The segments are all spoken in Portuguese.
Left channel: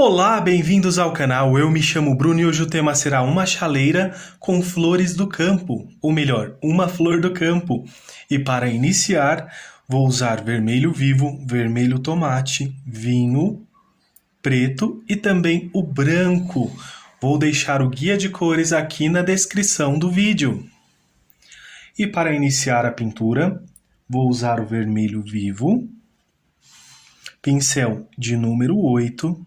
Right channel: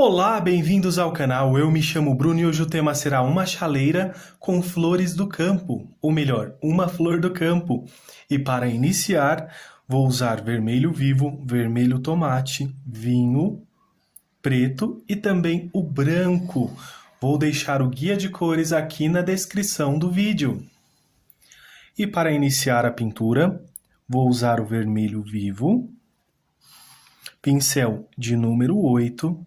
Olá, bem-vindos ao canal. Eu me chamo Bruno e hoje o tema será uma chaleira com flores do campo, ou melhor, uma flor do campo. E para iniciar, vou usar vermelho vivo, vermelho tomate, vinho, preto e também o branco. Vou deixar o guia de cores aqui na descrição do vídeo. E para iniciar a pintura, vou usar o vermelho vivo, pincel de número 8,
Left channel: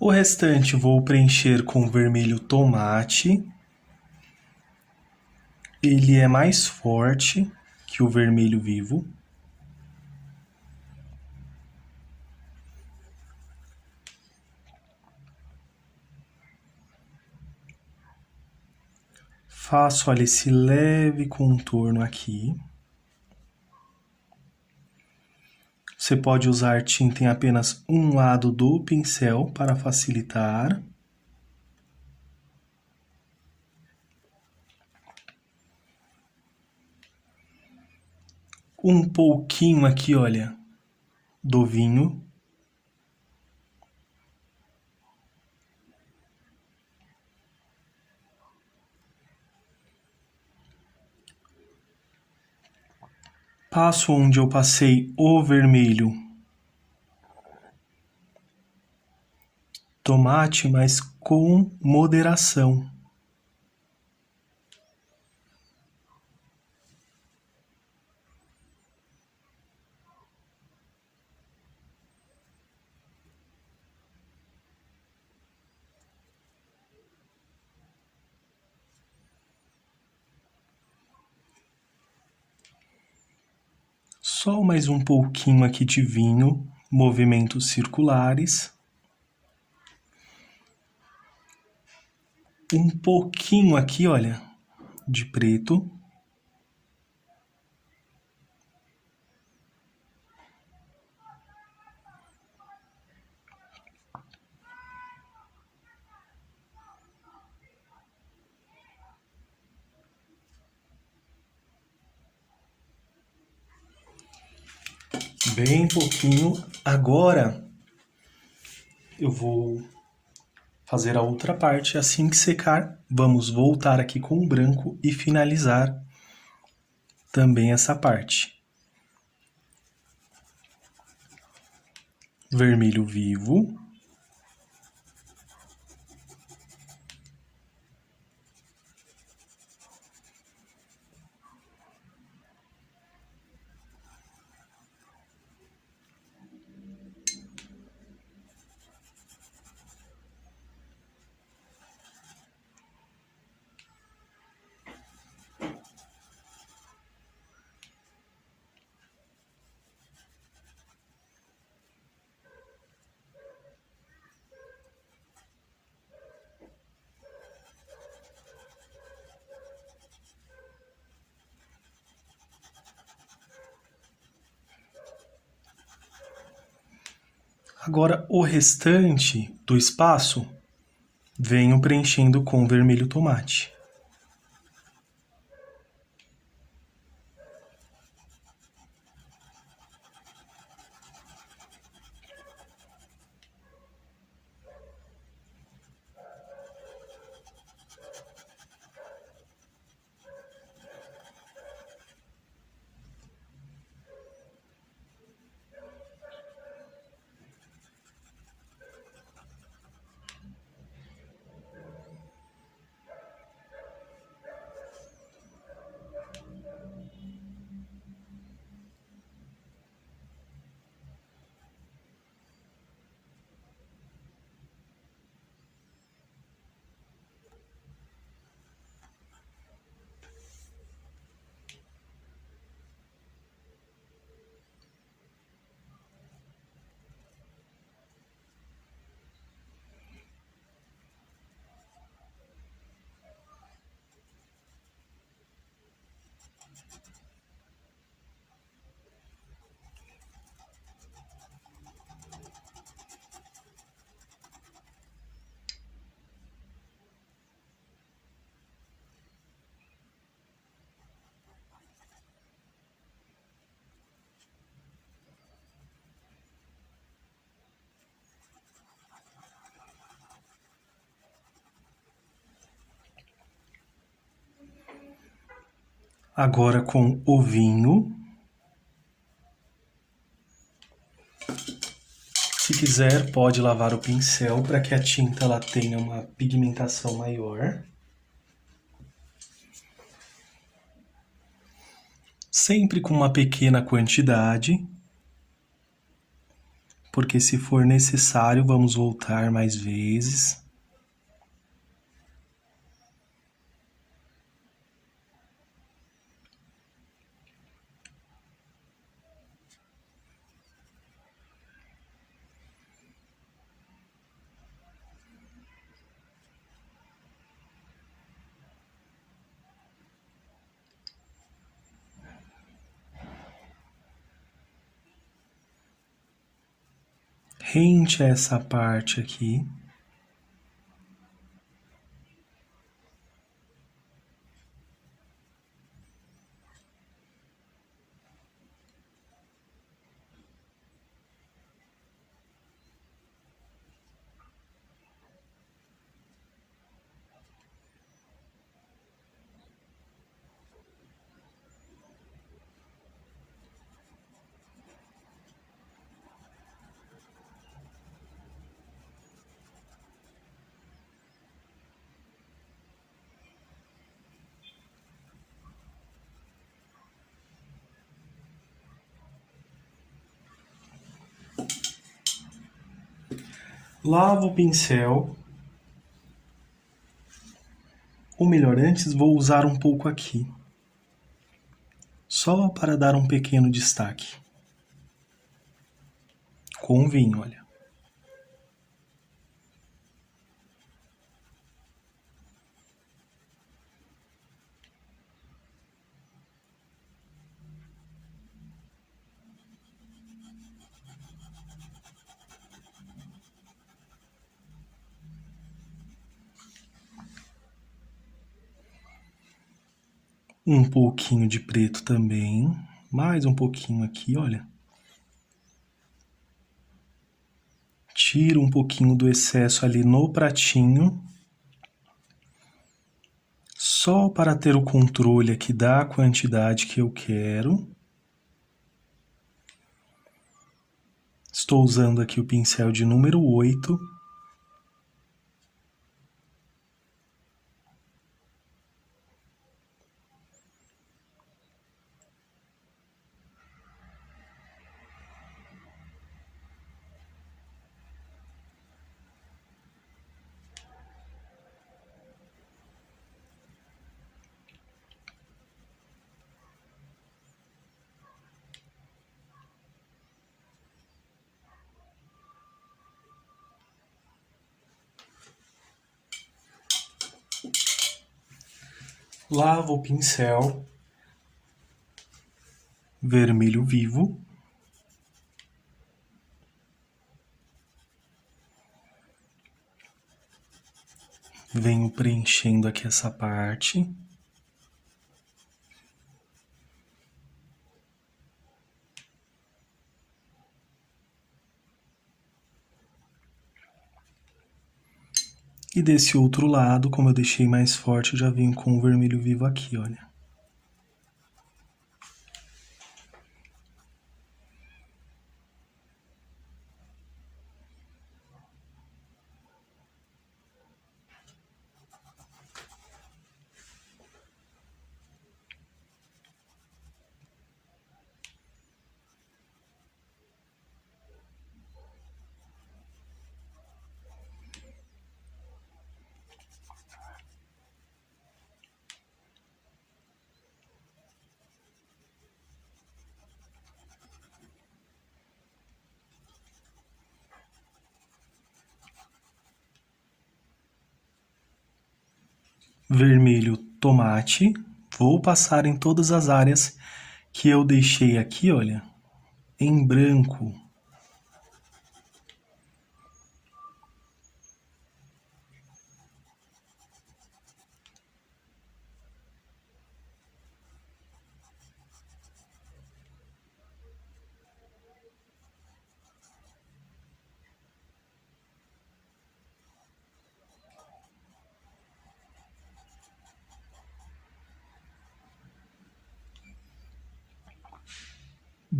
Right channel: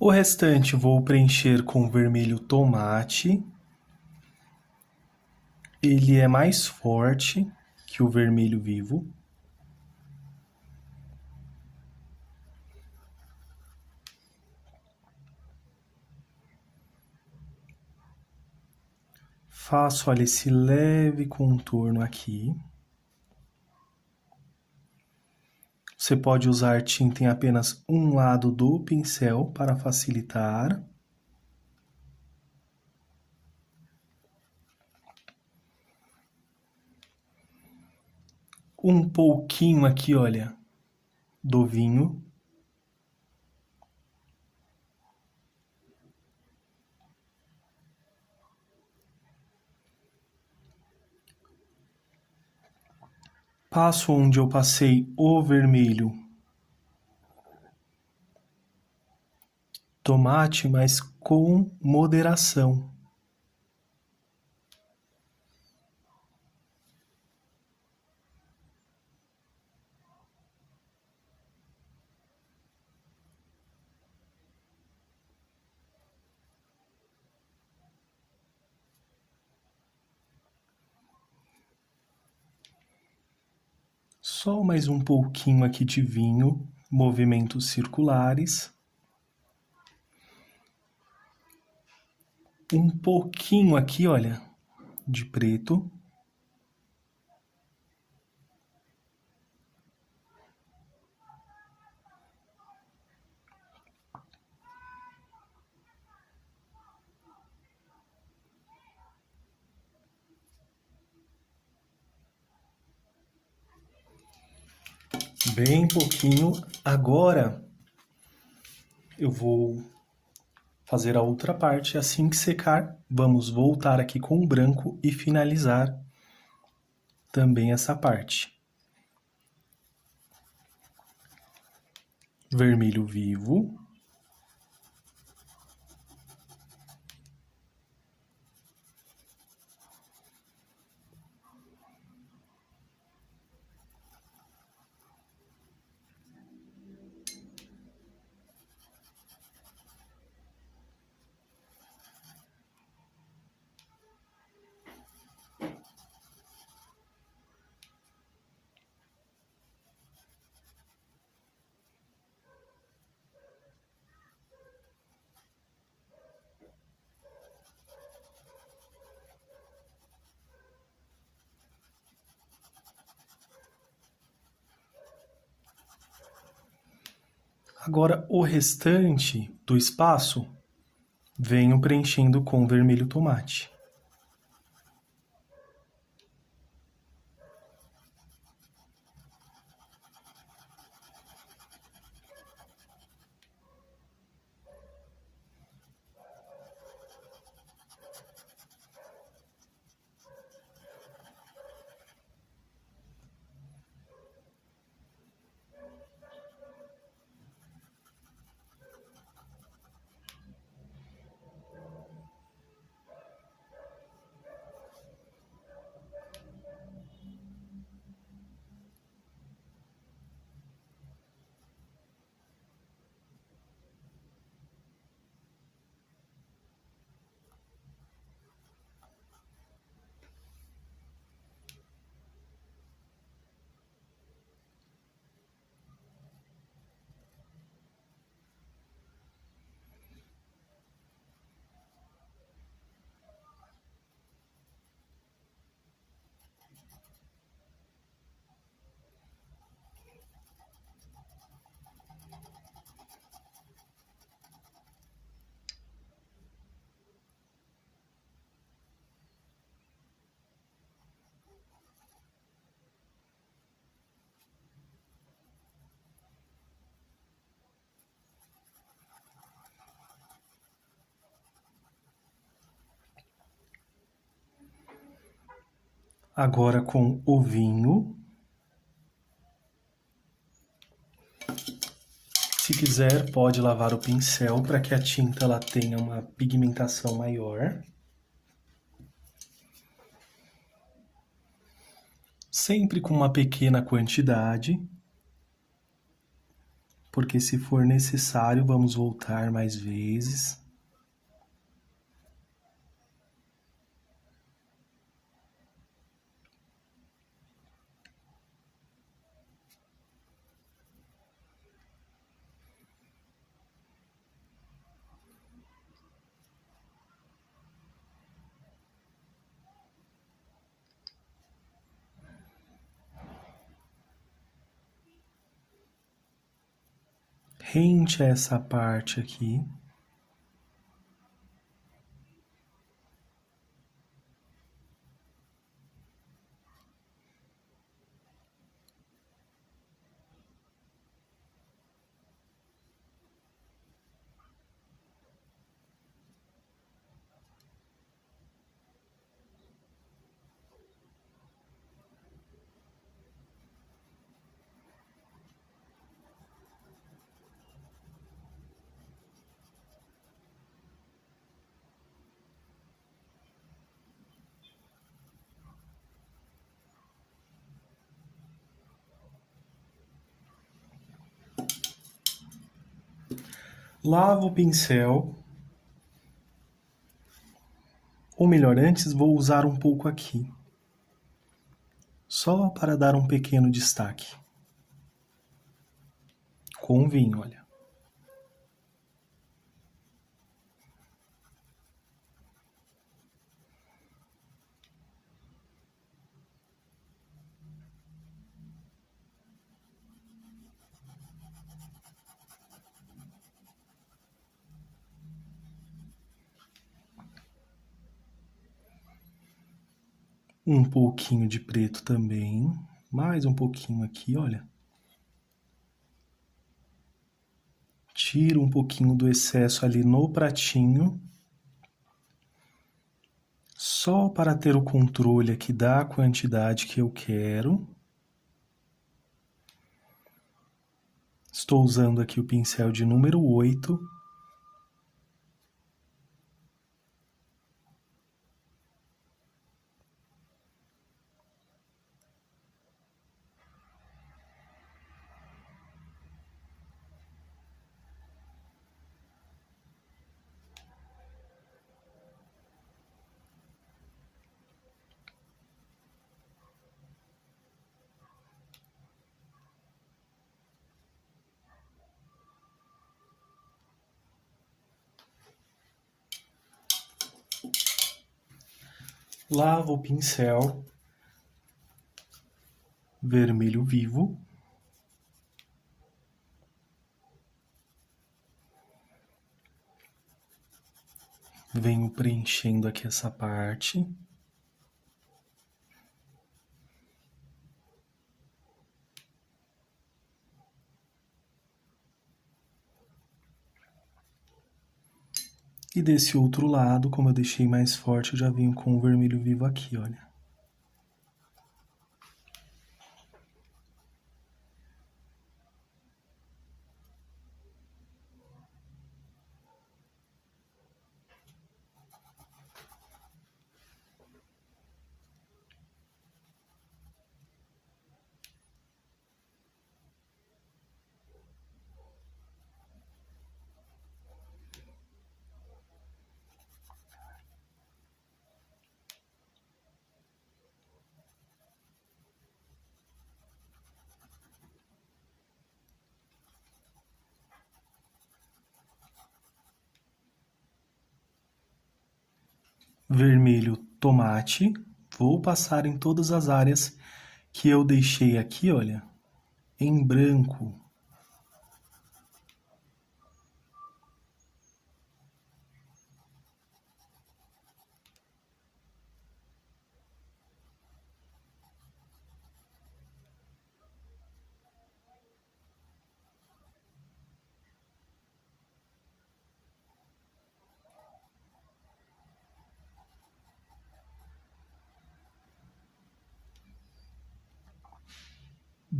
o restante vou preencher com vermelho tomate. Ele é mais forte que o vermelho vivo. Faço, olha, esse leve contorno aqui. Você pode usar tinta em apenas um lado do pincel para facilitar. Um pouquinho aqui, olha, do vinho. Passo onde eu passei o vermelho tomate, mas com moderação. Só mais um pouquinho aqui de vinho, movimentos circulares. Um pouquinho aqui, olha, de preto. Bem pouquinho. Agora eu vou fazer a outra parte. Assim que secar, vamos voltar aqui com o branco e finalizar também essa parte. Vermelho vivo. Agora, o restante do espaço, venho preenchendo com vermelho tomate. Agora com o vinho. Se quiser, pode lavar o pincel para que a tinta ela tenha uma pigmentação maior. Sempre com uma pequena quantidade, porque se for necessário, vamos voltar mais vezes. Rente essa parte aqui. Lavo o pincel. Ou melhor, antes vou usar um pouco aqui. Só para dar um pequeno destaque. Com vinho, olha. Um pouquinho de preto também. Mais um pouquinho aqui, olha. Tiro um pouquinho do excesso ali no pratinho. Só para ter o controle aqui da quantidade que eu quero. Estou usando aqui o pincel de número 8. Lavo o pincel vermelho vivo. Venho preenchendo aqui essa parte. E desse outro lado, como eu deixei mais forte, eu já venho com o vermelho vivo aqui, olha. Vermelho tomate. Vou passar em todas as áreas que eu deixei aqui, olha, em branco.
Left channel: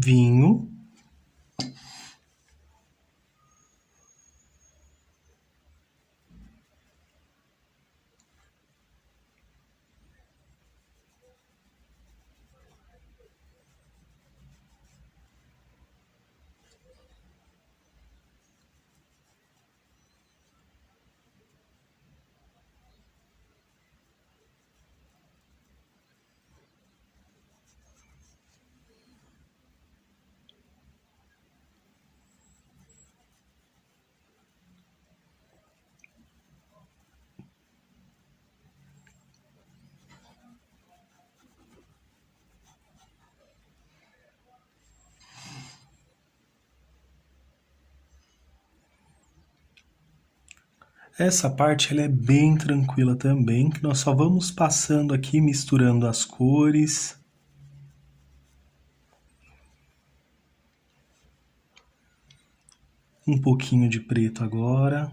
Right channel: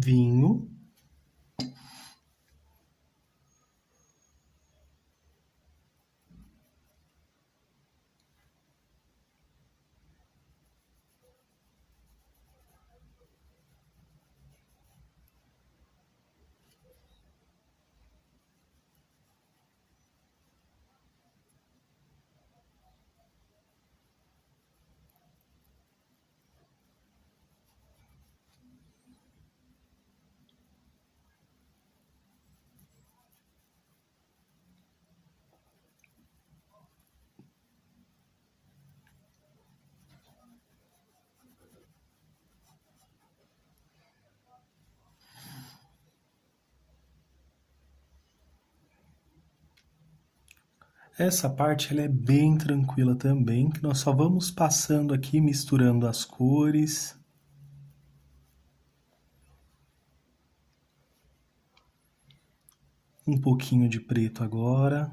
vinho, essa parte ela é bem tranquila também, que nós só vamos passando aqui, misturando as cores. Um pouquinho de preto agora.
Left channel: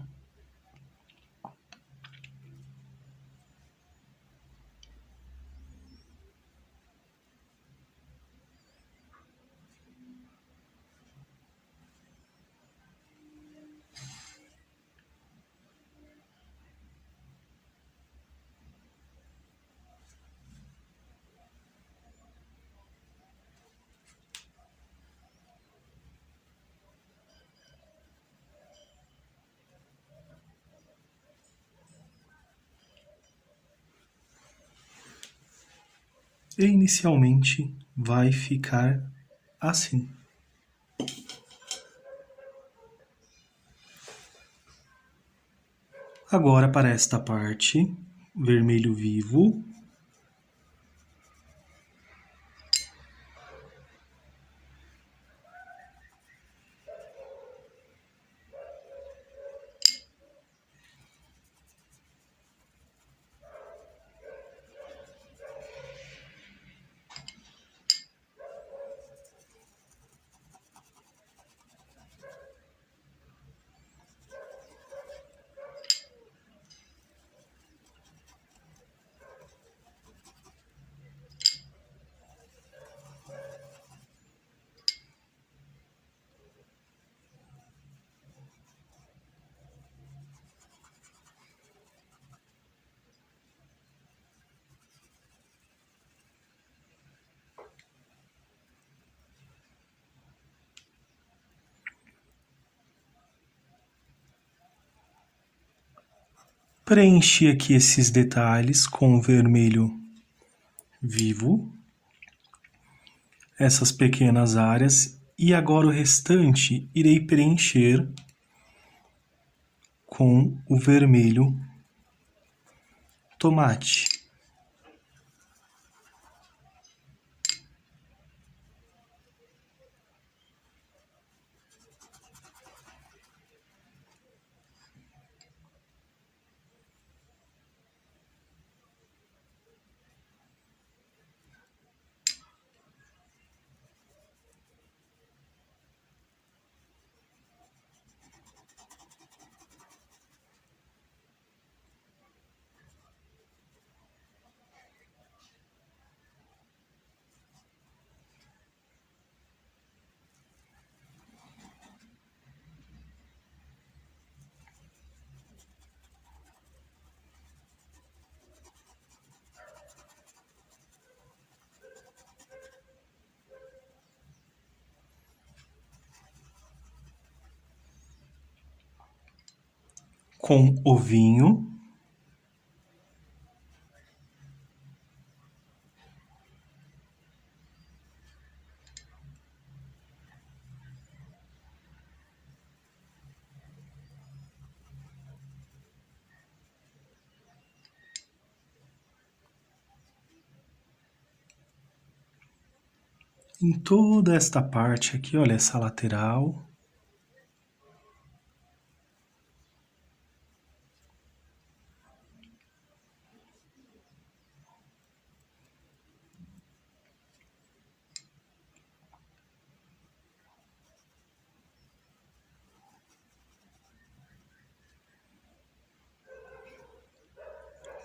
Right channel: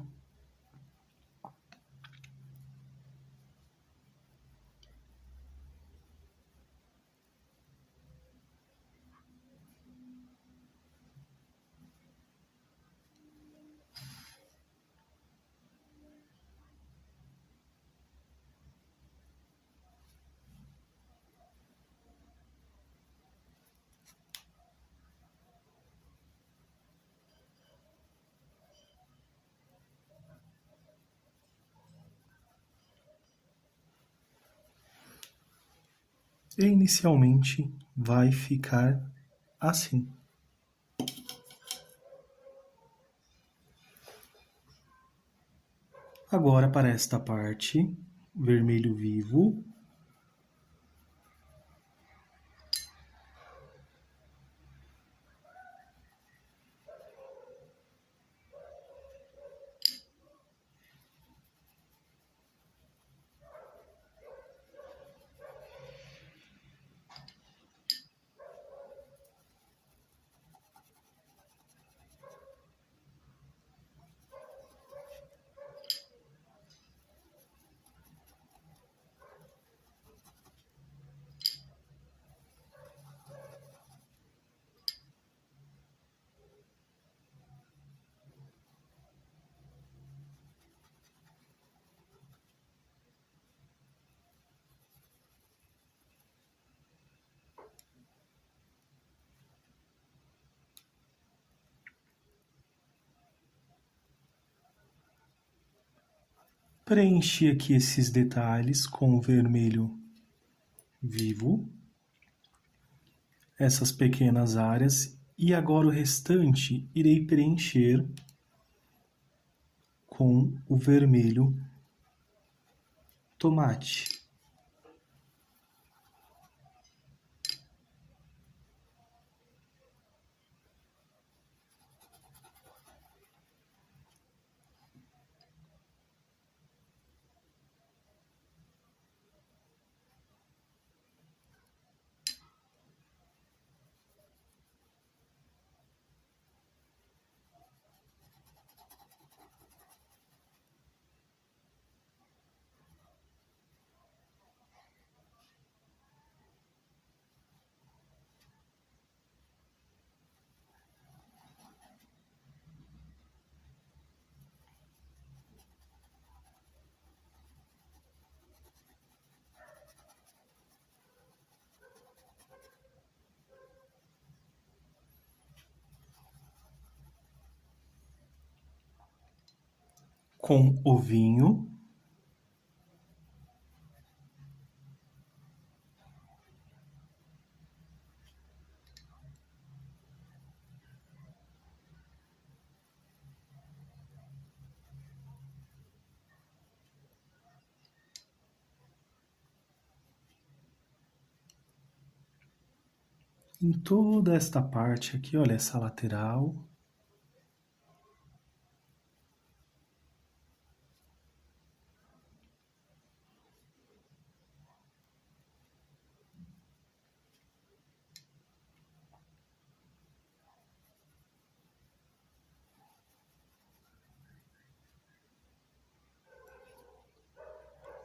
E inicialmente vai ficar assim. Agora para esta parte, vermelho vivo. Preenchi aqui esses detalhes com vermelho vivo, essas pequenas áreas, e agora o restante irei preencher com o vermelho tomate. Com o vinho. Em toda esta parte aqui, olha essa lateral.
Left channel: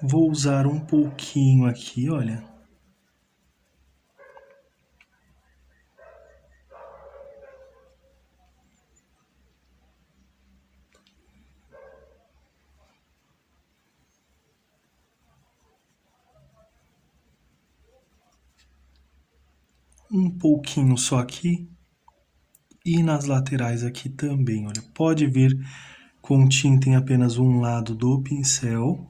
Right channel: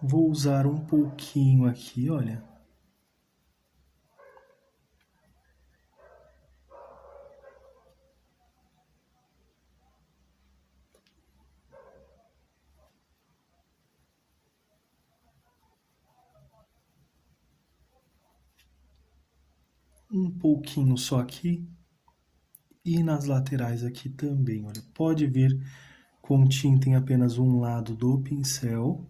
Vou usar um pouquinho aqui, olha. um pouquinho só aqui e nas laterais aqui também, olha. Pode vir com tinta em apenas um lado do pincel.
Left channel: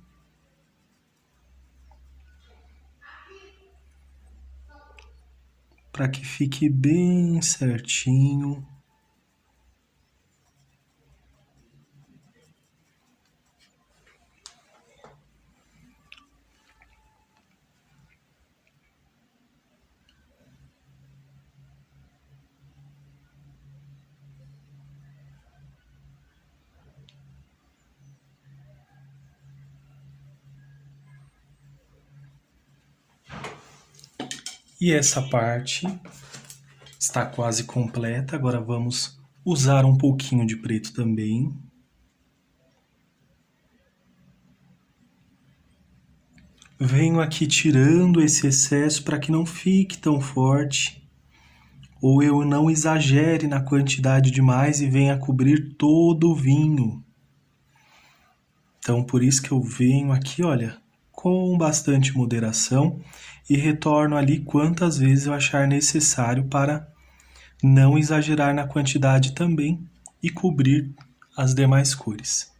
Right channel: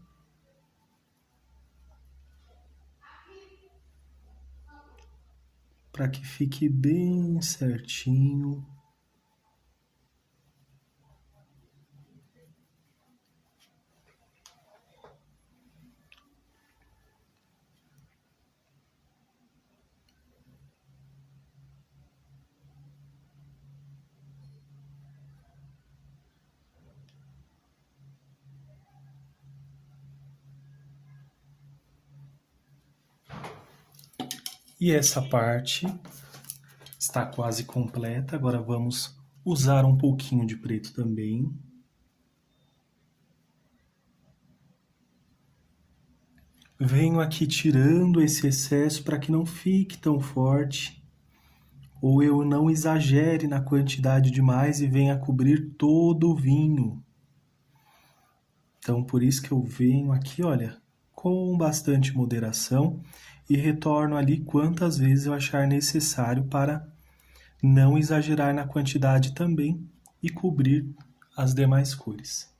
Para que fique bem certinho. E essa parte está quase completa. Agora vamos usar um pouquinho de preto também. Venho aqui tirando esse excesso para que não fique tão forte, ou eu não exagere na quantidade demais e venha cobrir todo o vinho. Então, por isso que eu venho aqui, olha, com bastante moderação e retorno ali quantas vezes eu achar necessário para não exagerar na quantidade também e cobrir as demais cores.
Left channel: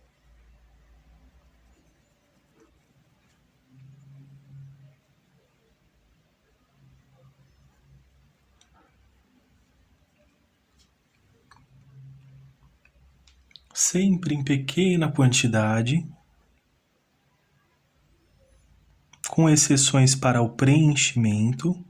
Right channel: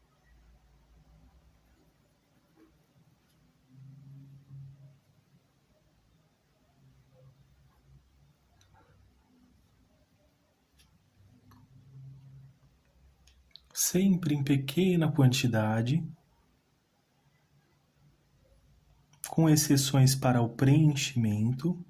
Sempre em pequena quantidade, com exceções para o preenchimento.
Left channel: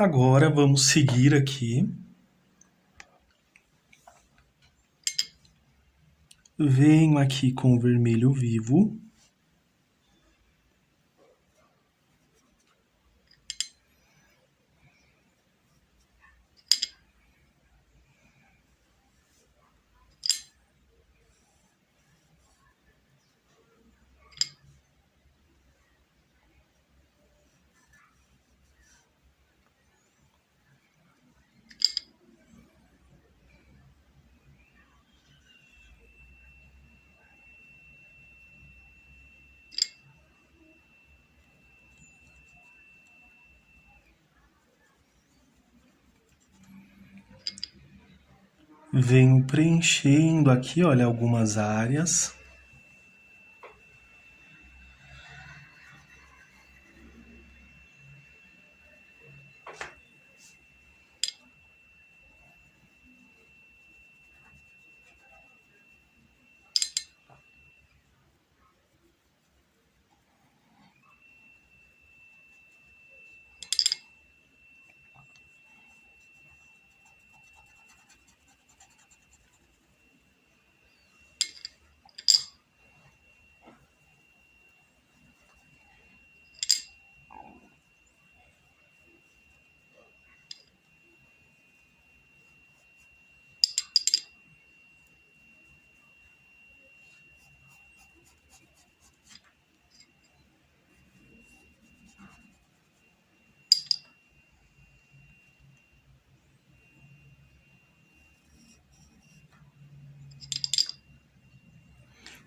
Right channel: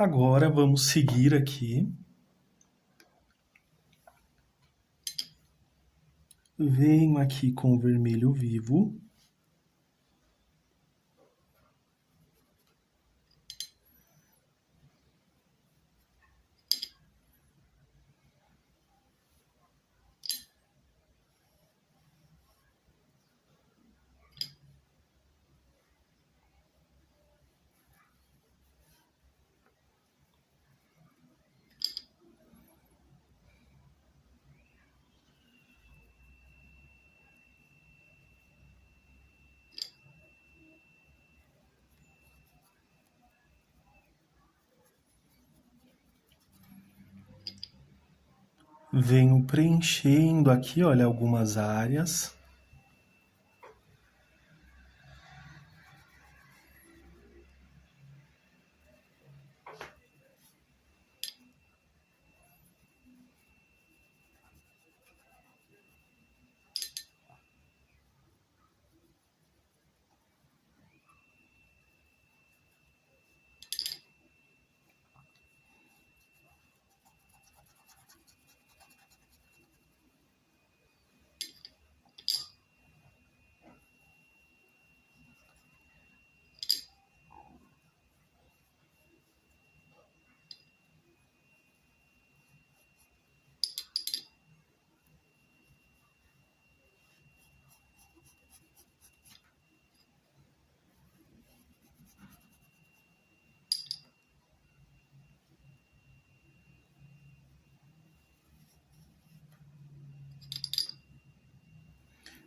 Agora vamos seguir aqui. Venho aqui com o vermelho vivo. Venho preenchendo aqui, olha, algumas áreas.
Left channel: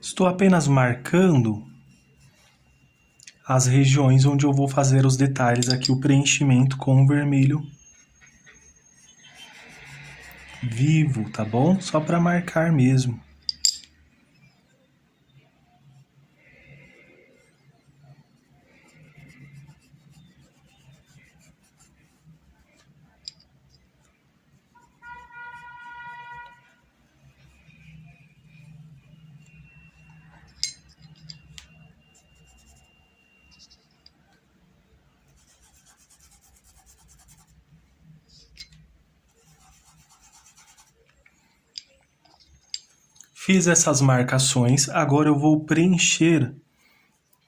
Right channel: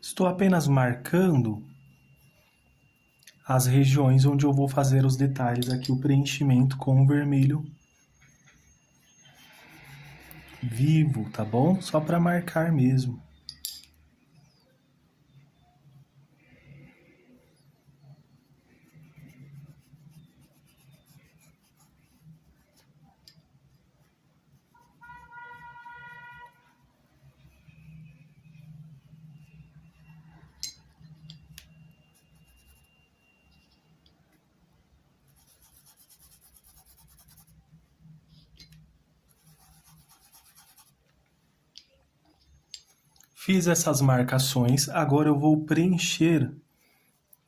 Estou apenas marcando as regiões onde eu vou fazer os detalhes aqui, o preenchimento com o vermelho vivo, tá bom? Só para marcar mesmo. Fiz essas marcações, agora eu vou preencher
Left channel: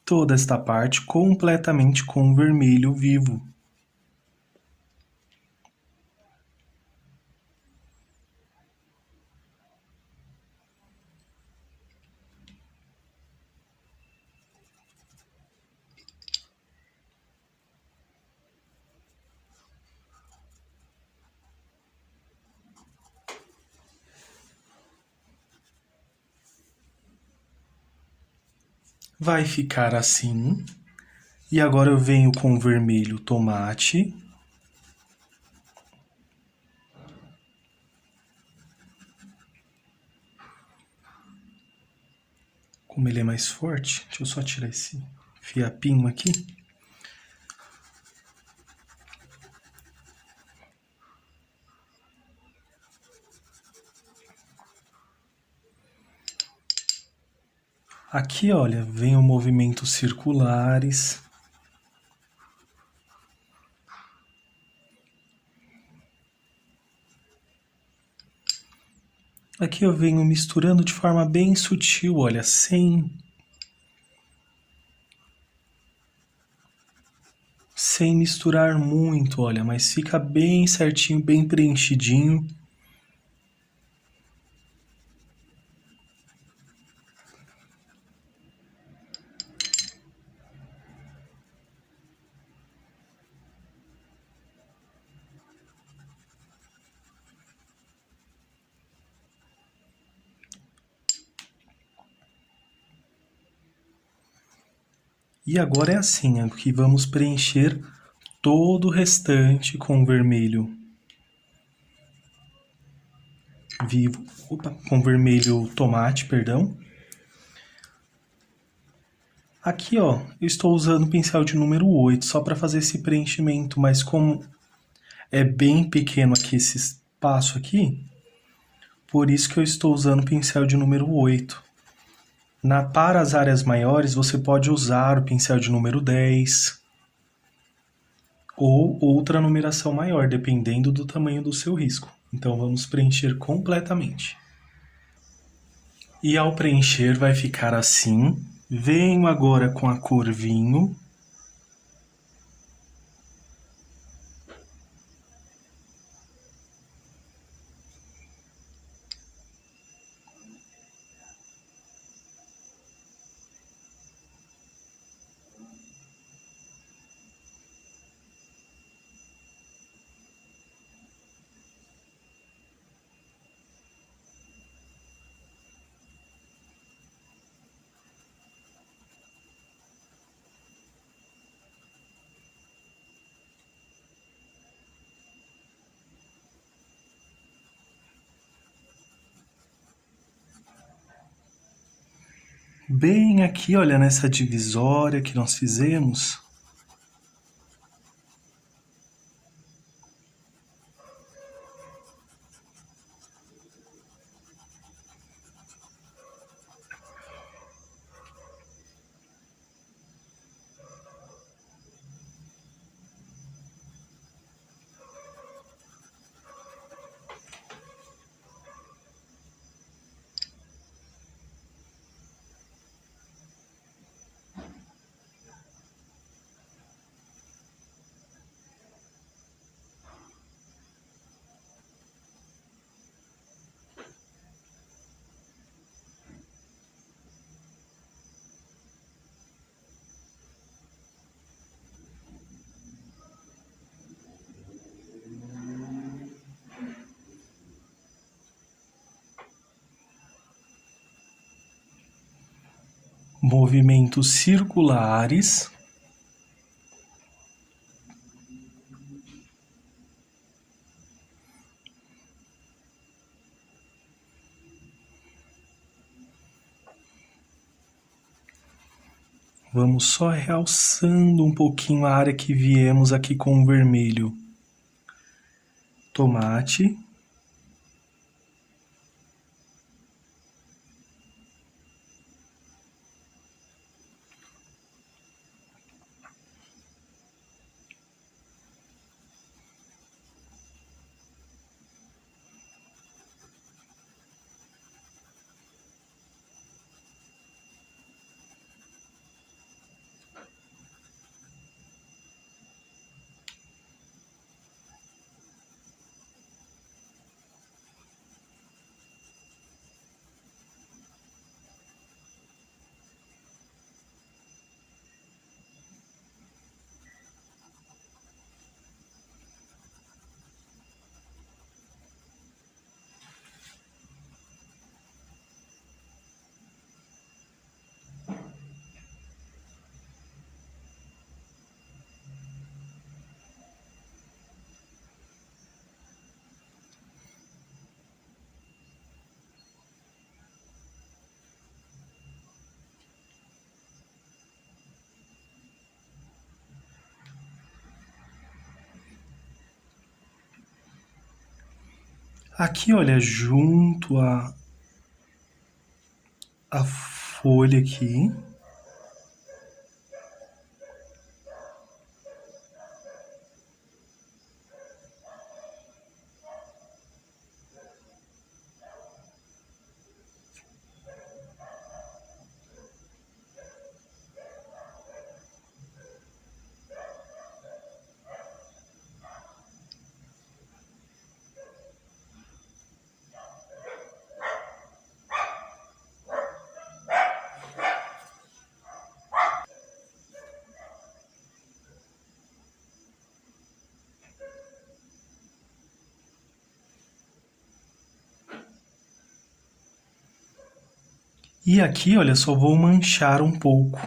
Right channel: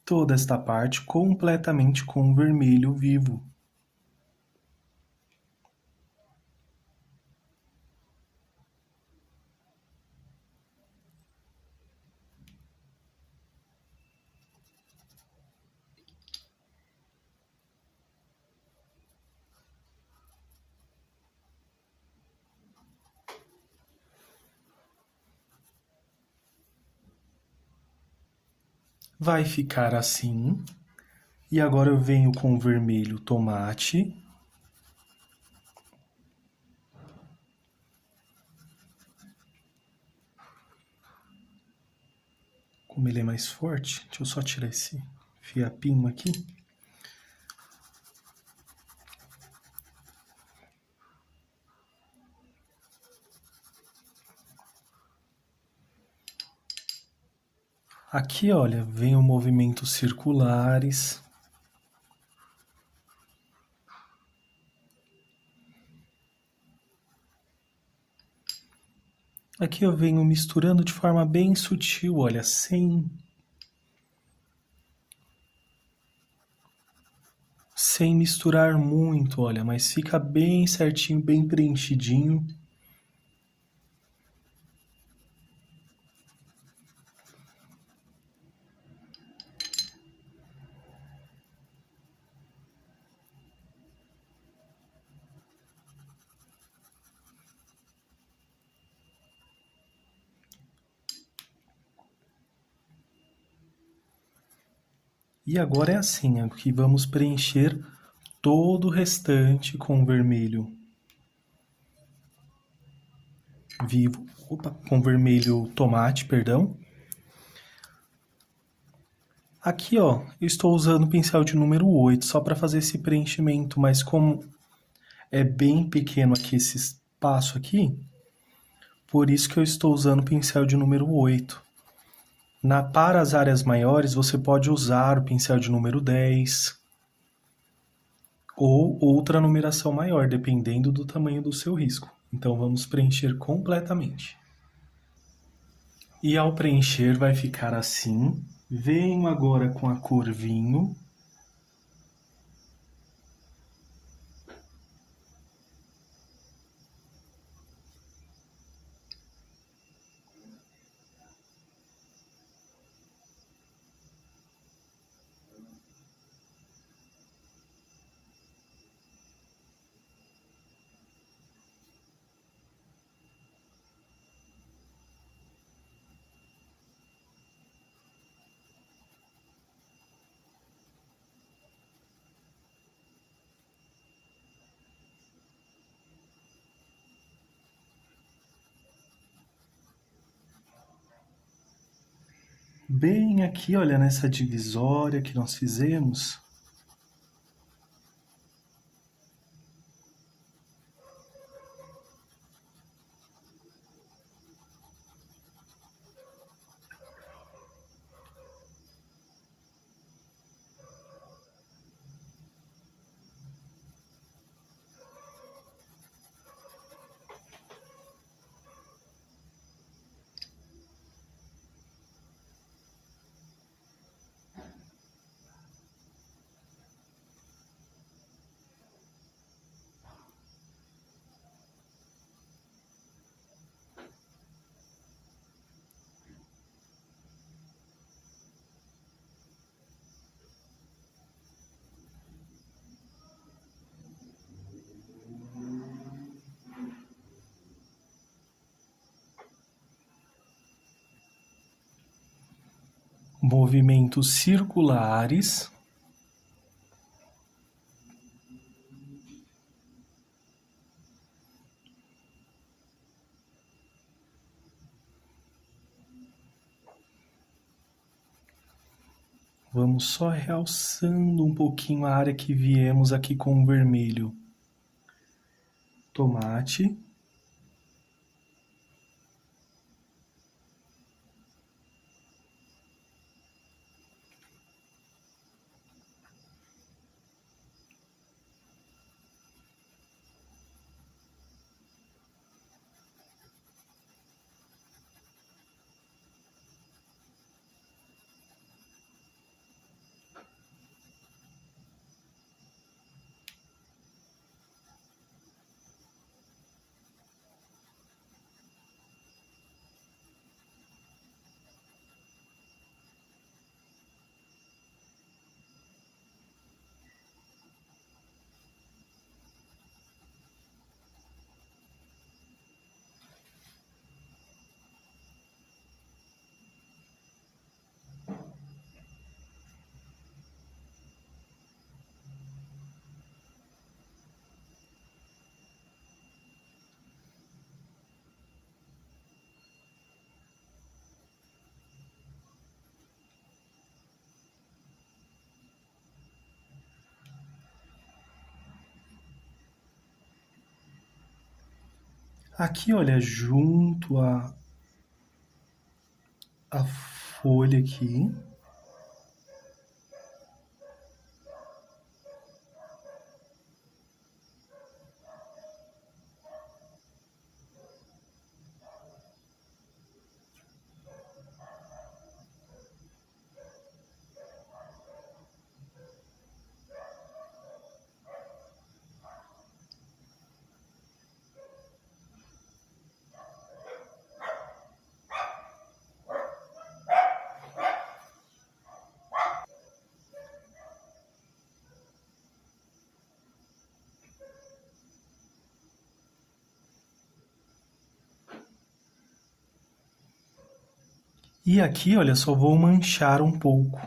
toda esta parte completamente com vermelho vivo. Vai ficar assim. E agora eu venho com o vermelho tomate. Como ele é mais forte, deixa eu só tirar esse fiapinho aqui. Aqui, olha, vem o movimentos circulares. Aqui eu venho misturando de forma bem sutil, olha, sem misturar muito, olha, mas fica bem certinho, bem preenchidinho. E agora é assim, aqui vamos preencher todo o restante com vermelho vivo, com vermelho tomate, perdão. Aqui, ó, eu estou usando o pincel de número 8, só para fazer esse preenchimento, mas como é bem pequeno aqui esse espaço aqui, por isso que eu estou usando o pincel de número 8. Para as áreas maiores, você pode usar o pincel de número 10 ou outra numeração maior, dependendo do tamanho do seu risco. Então, vamos preencher completamente. E ao preencher, vai ficar assim. Venho agora com a cor vinho. Bem aqui, olha, nessa divisória que nós fizemos. Movimentos circulares. Vamos só realçando um pouquinho a área que viemos aqui com o vermelho tomate. Aqui, olha, junto a folha aqui. E aqui, olha, só vou manchar um pouco.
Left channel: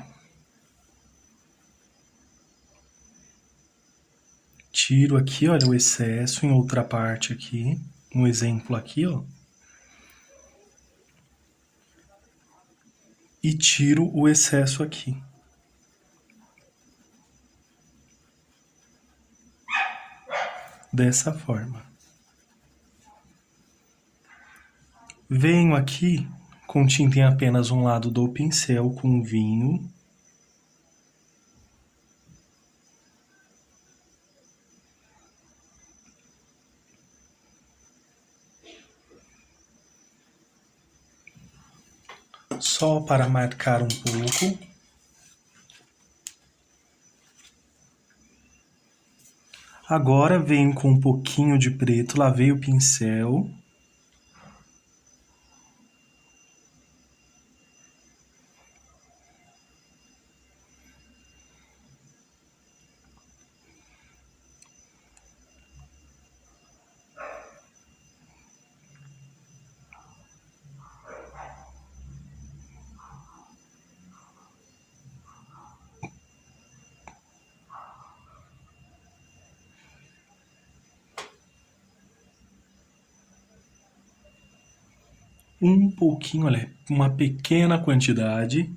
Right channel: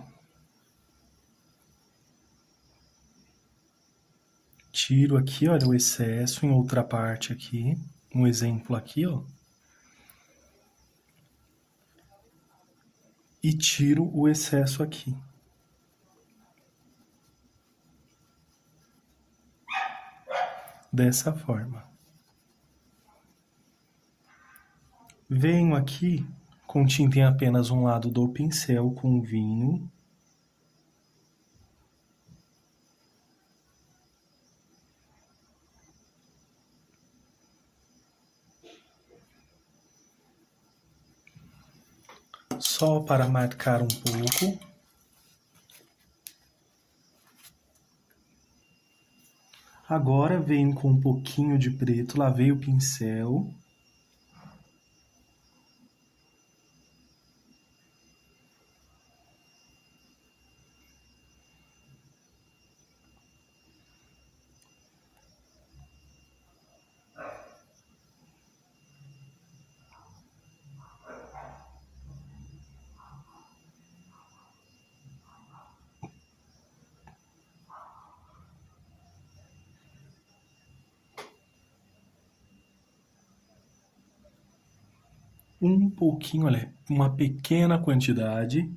Tiro aqui, olha, o excesso em outra parte aqui. Um exemplo aqui, ó. E tiro o excesso aqui. Dessa forma. Venho aqui com tinta em apenas um lado do pincel com vinho. Só para marcar um pouco. Agora venho com um pouquinho de preto, lavei o pincel. Um pouquinho, olha, uma pequena quantidade.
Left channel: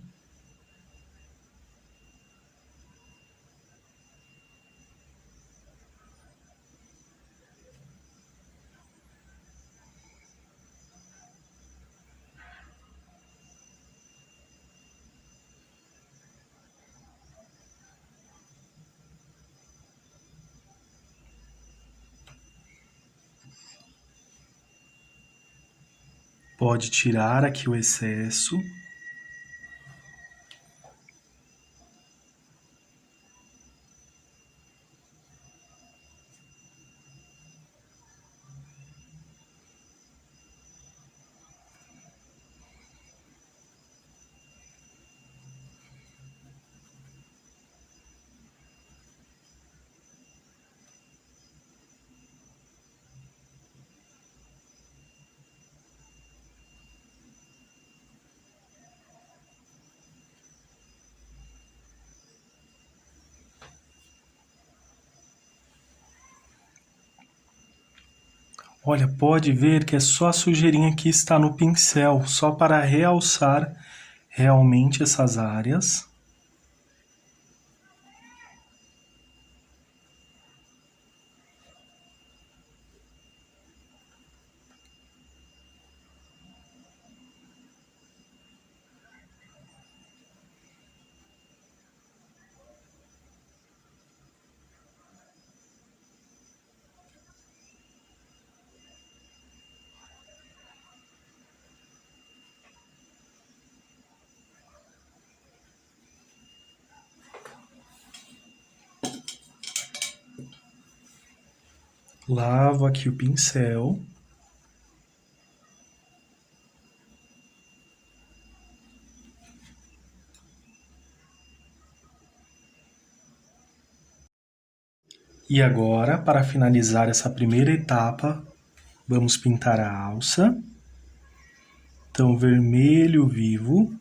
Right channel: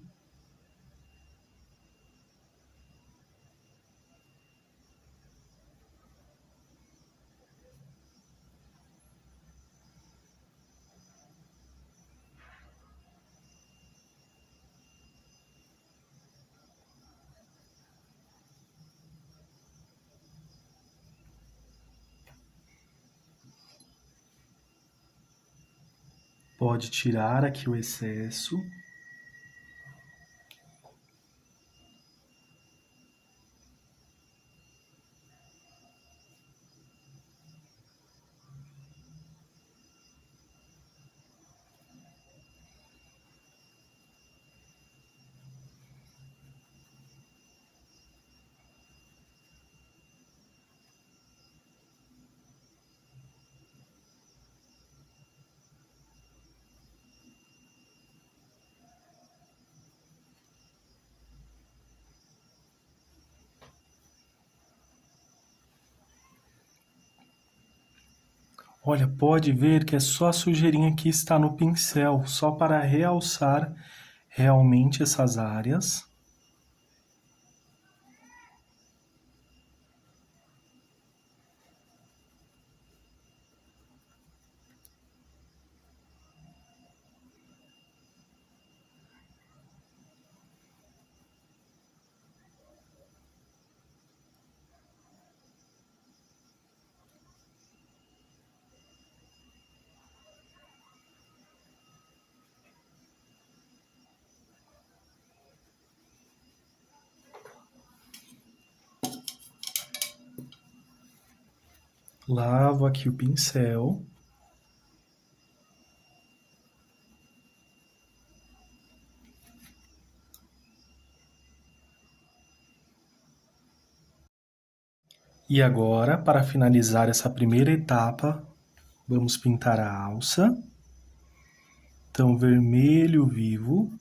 Pode tirar aqui o excesso. Olha, pode ver que é só a sujeirinha que está no pincel, só para realçar realmente essas áreas. Lavo aqui o pincel. E agora, para finalizar essa primeira etapa, vamos pintar a alça. Então, vermelho vivo.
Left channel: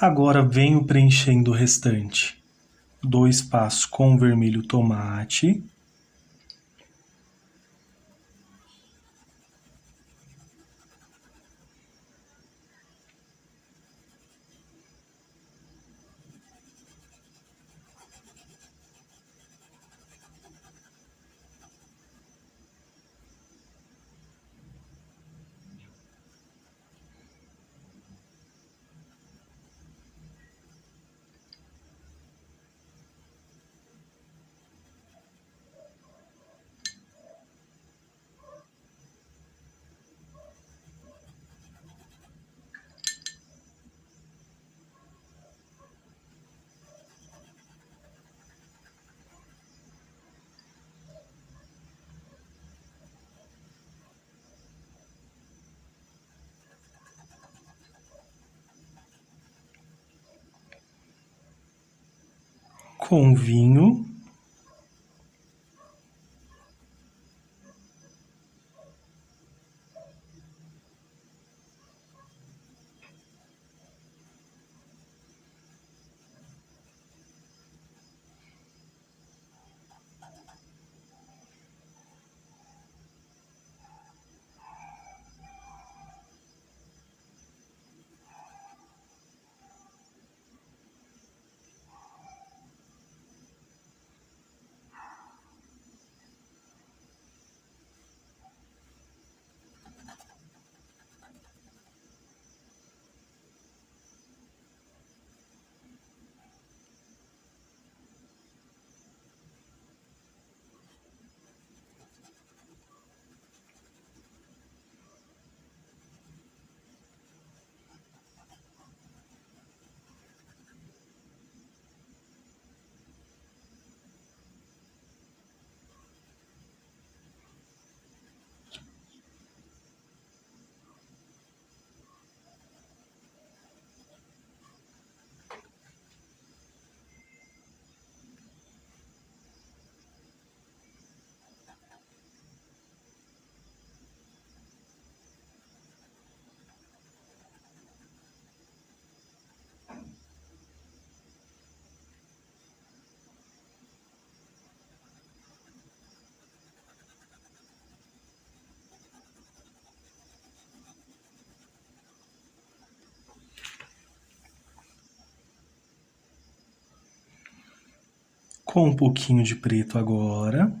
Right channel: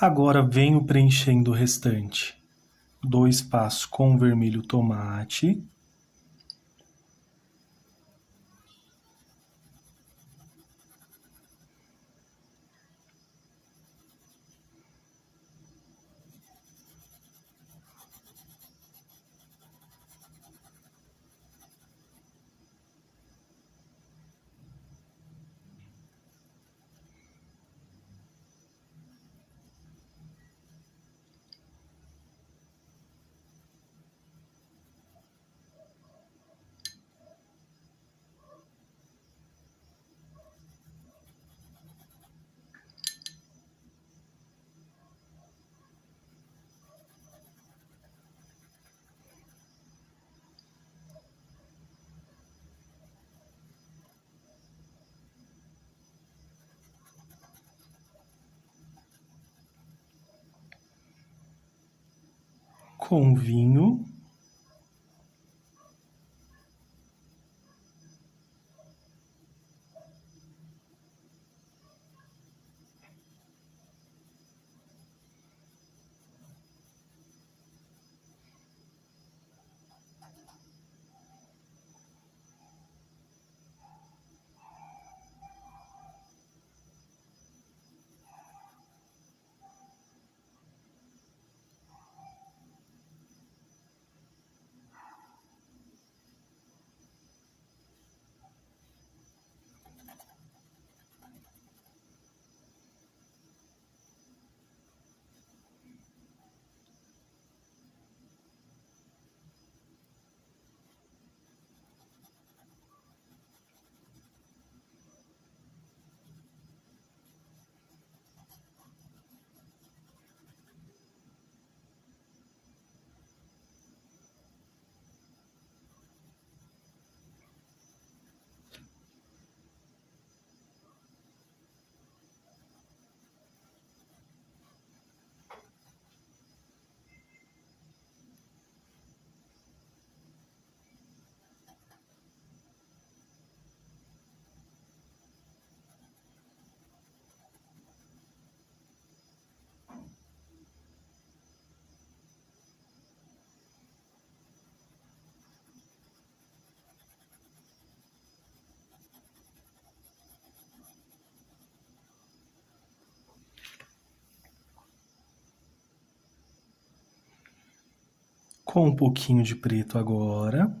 Agora venho preenchendo o restante. 2 passos com vermelho tomate. Com vinho. Com um pouquinho de preto agora.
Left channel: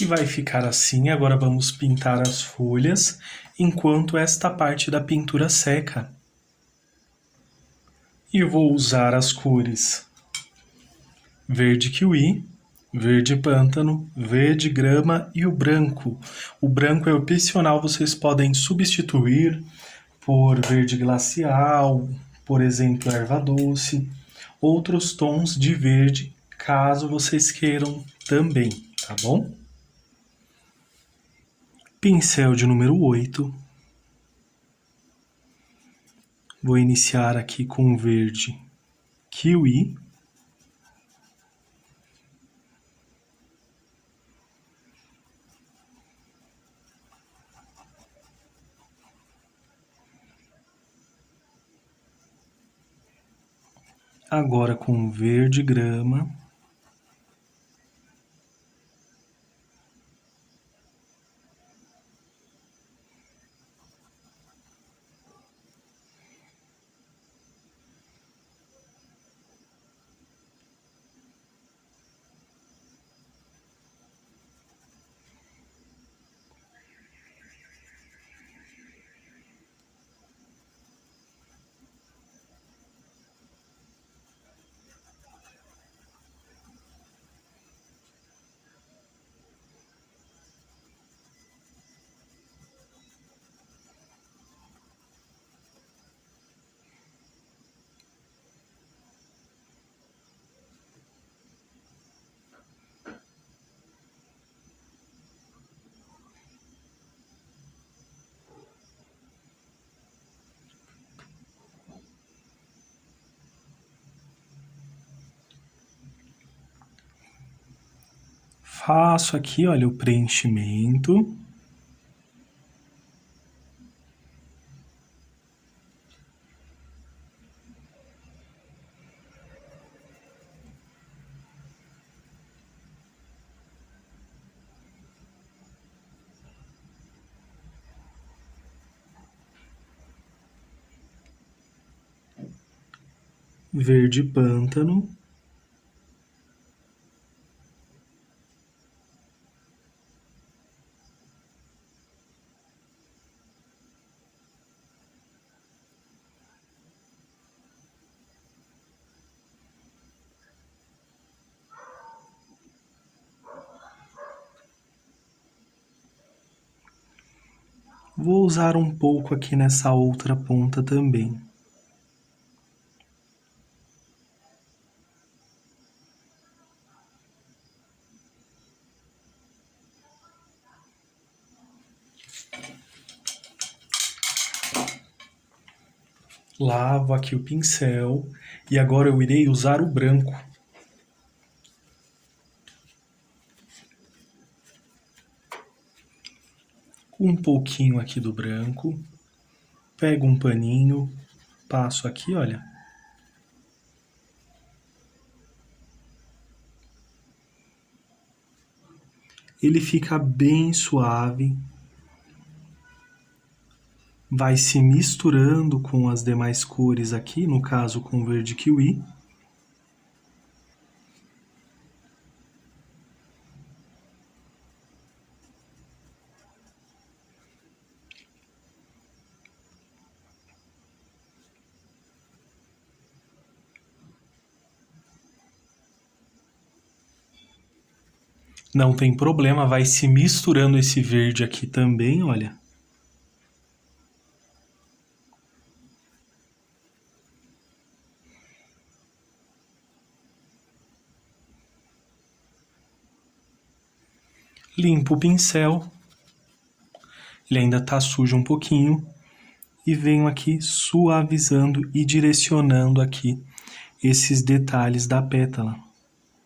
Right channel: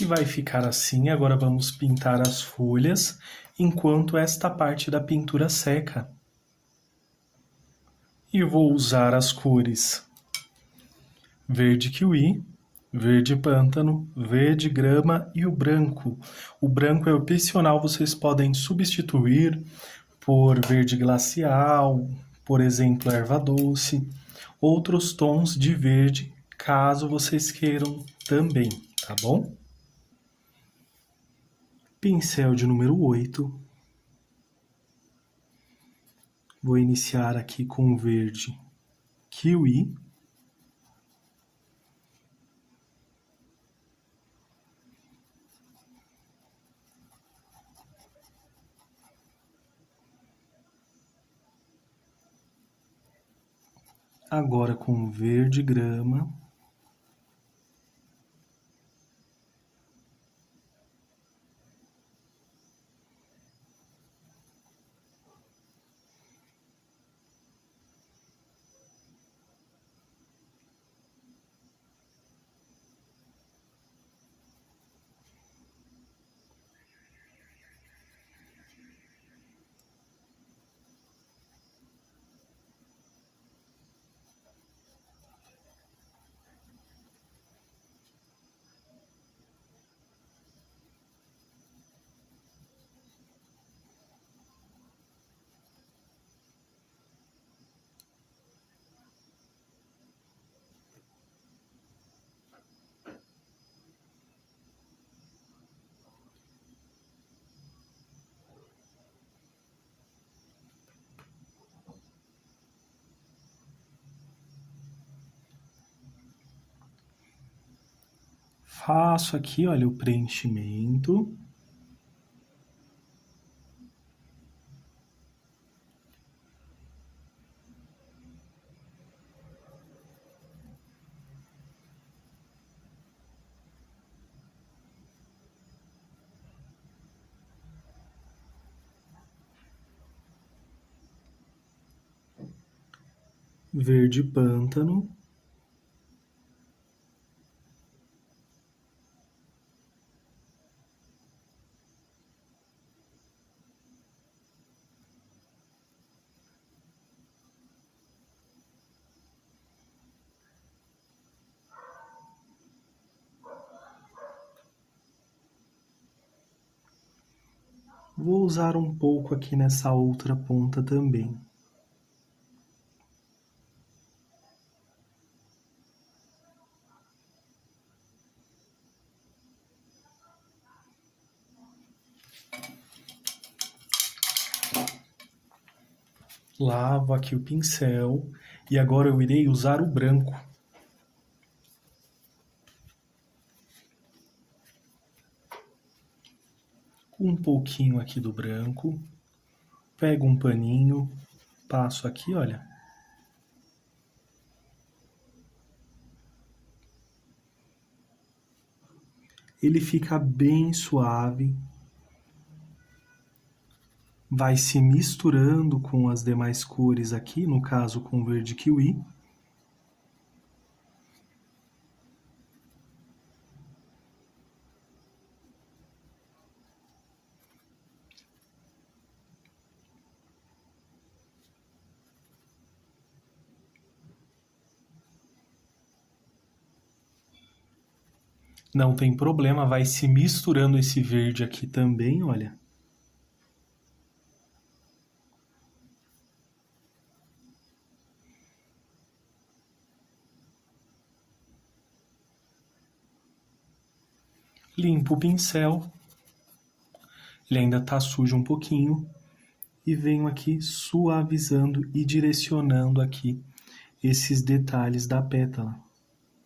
E vai ficar assim. Agora vamos pintar as folhas, enquanto esta parte da pintura seca. E vou usar as cores verde kiwi, verde pântano, verde grama e o branco. O branco é opcional, vocês podem substituir por verde glacial, por exemplo, erva doce, outros tons de verde, caso vocês queiram também, tá bom? Pincel de número 8. Vou iniciar aqui com verde kiwi, agora com verde grama, faço aqui, olha, o preenchimento. Verde pântano. Vou usar um pouco aqui nessa outra ponta também. Lavo aqui o pincel e agora eu irei usar o branco. Um pouquinho aqui do branco, pego um paninho, passo aqui, olha. Ele fica bem suave, vai se misturando com as demais cores aqui, no caso com o verde kiwi. Não tem problema, vai se misturando esse verde aqui também, olha. Limpo o pincel, ele ainda está sujo um pouquinho, e venho aqui suavizando e direcionando aqui esses detalhes da pétala,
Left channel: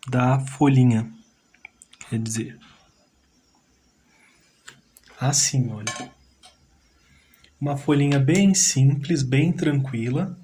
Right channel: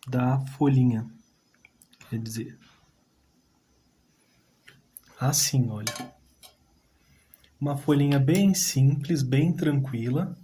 da folhinha, quer dizer. Assim, olha. Uma folhinha bem simples, bem tranquila.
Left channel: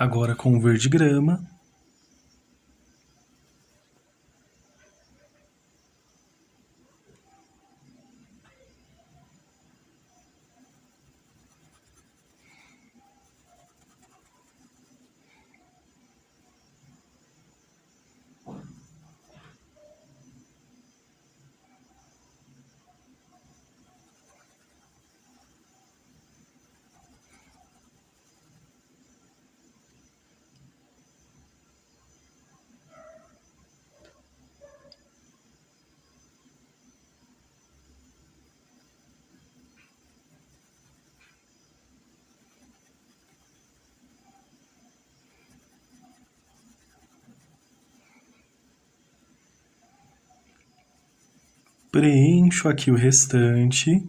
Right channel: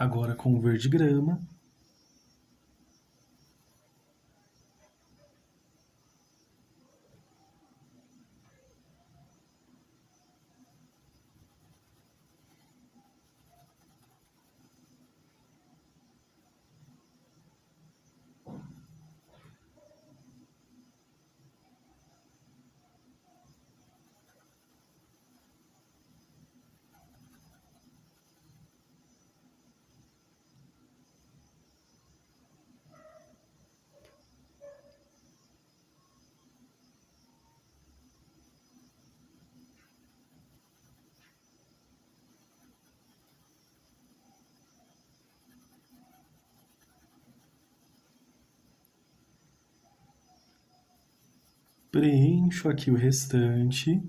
Agora com o verde grama. Preencho aqui o restante.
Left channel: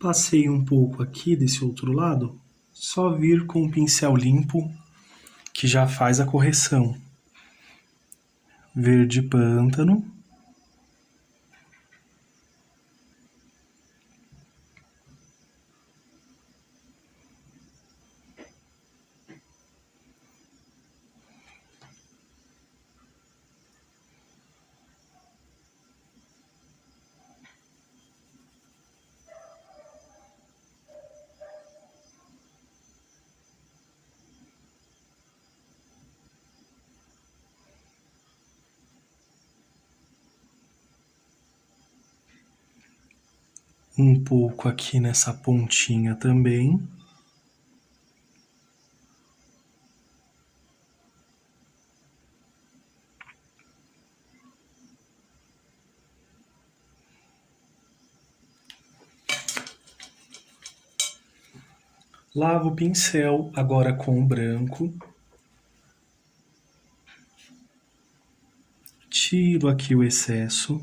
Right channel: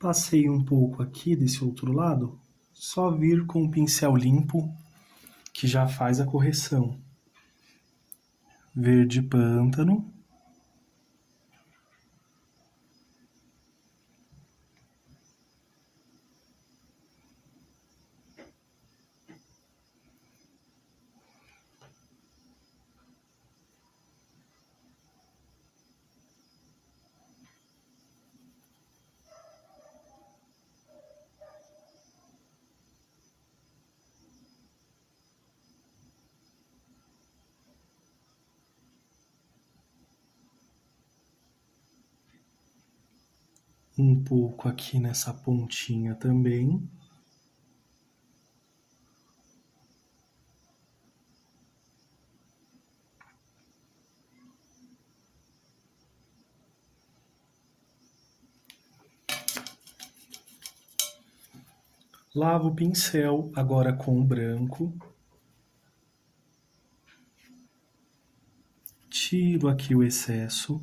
Passei um pouco aqui desse outro lado, só vir com o pincel limpo que já faz a correção. Verde pântano. Um pouco aqui nessa pontinha também. Lavo o pincel agora com o branco. Tiro aqui o excesso.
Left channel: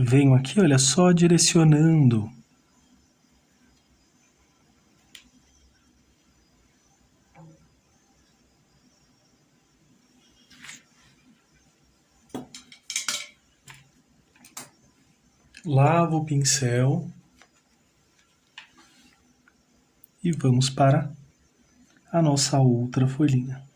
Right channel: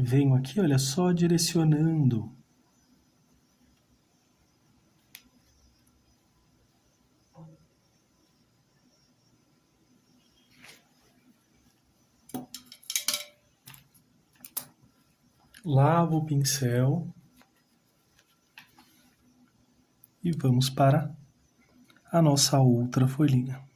Venho aqui, olha só, direcionando. Lavo o pincel. E vamos para a nossa outra folhinha.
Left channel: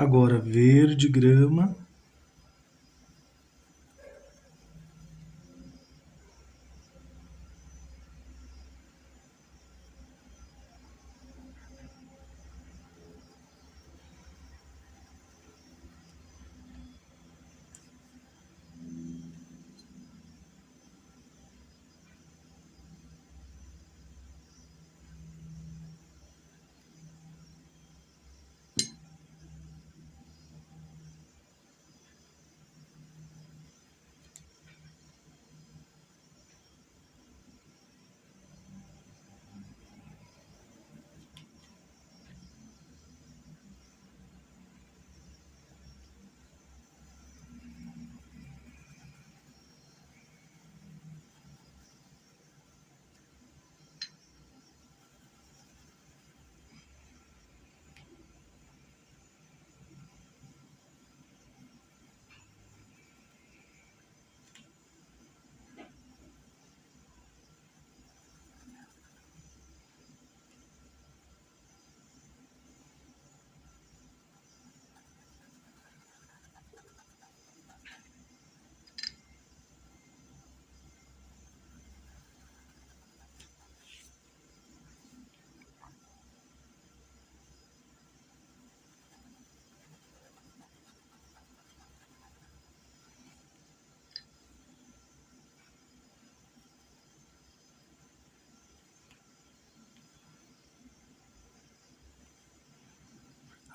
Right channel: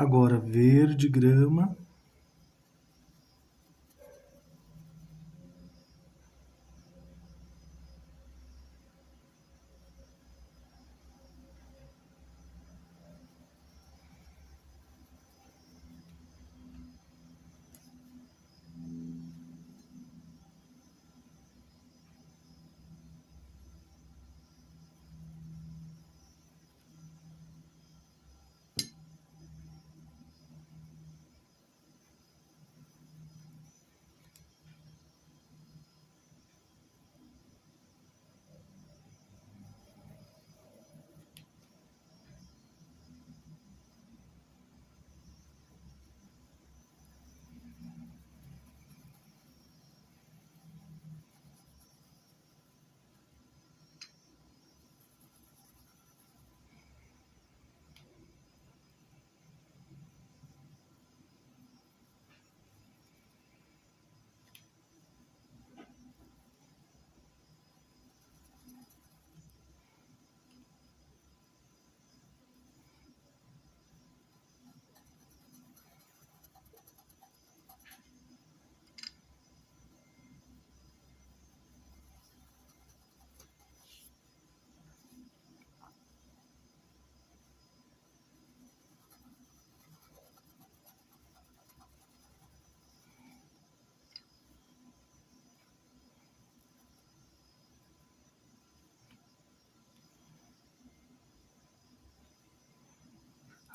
Agora verde grama.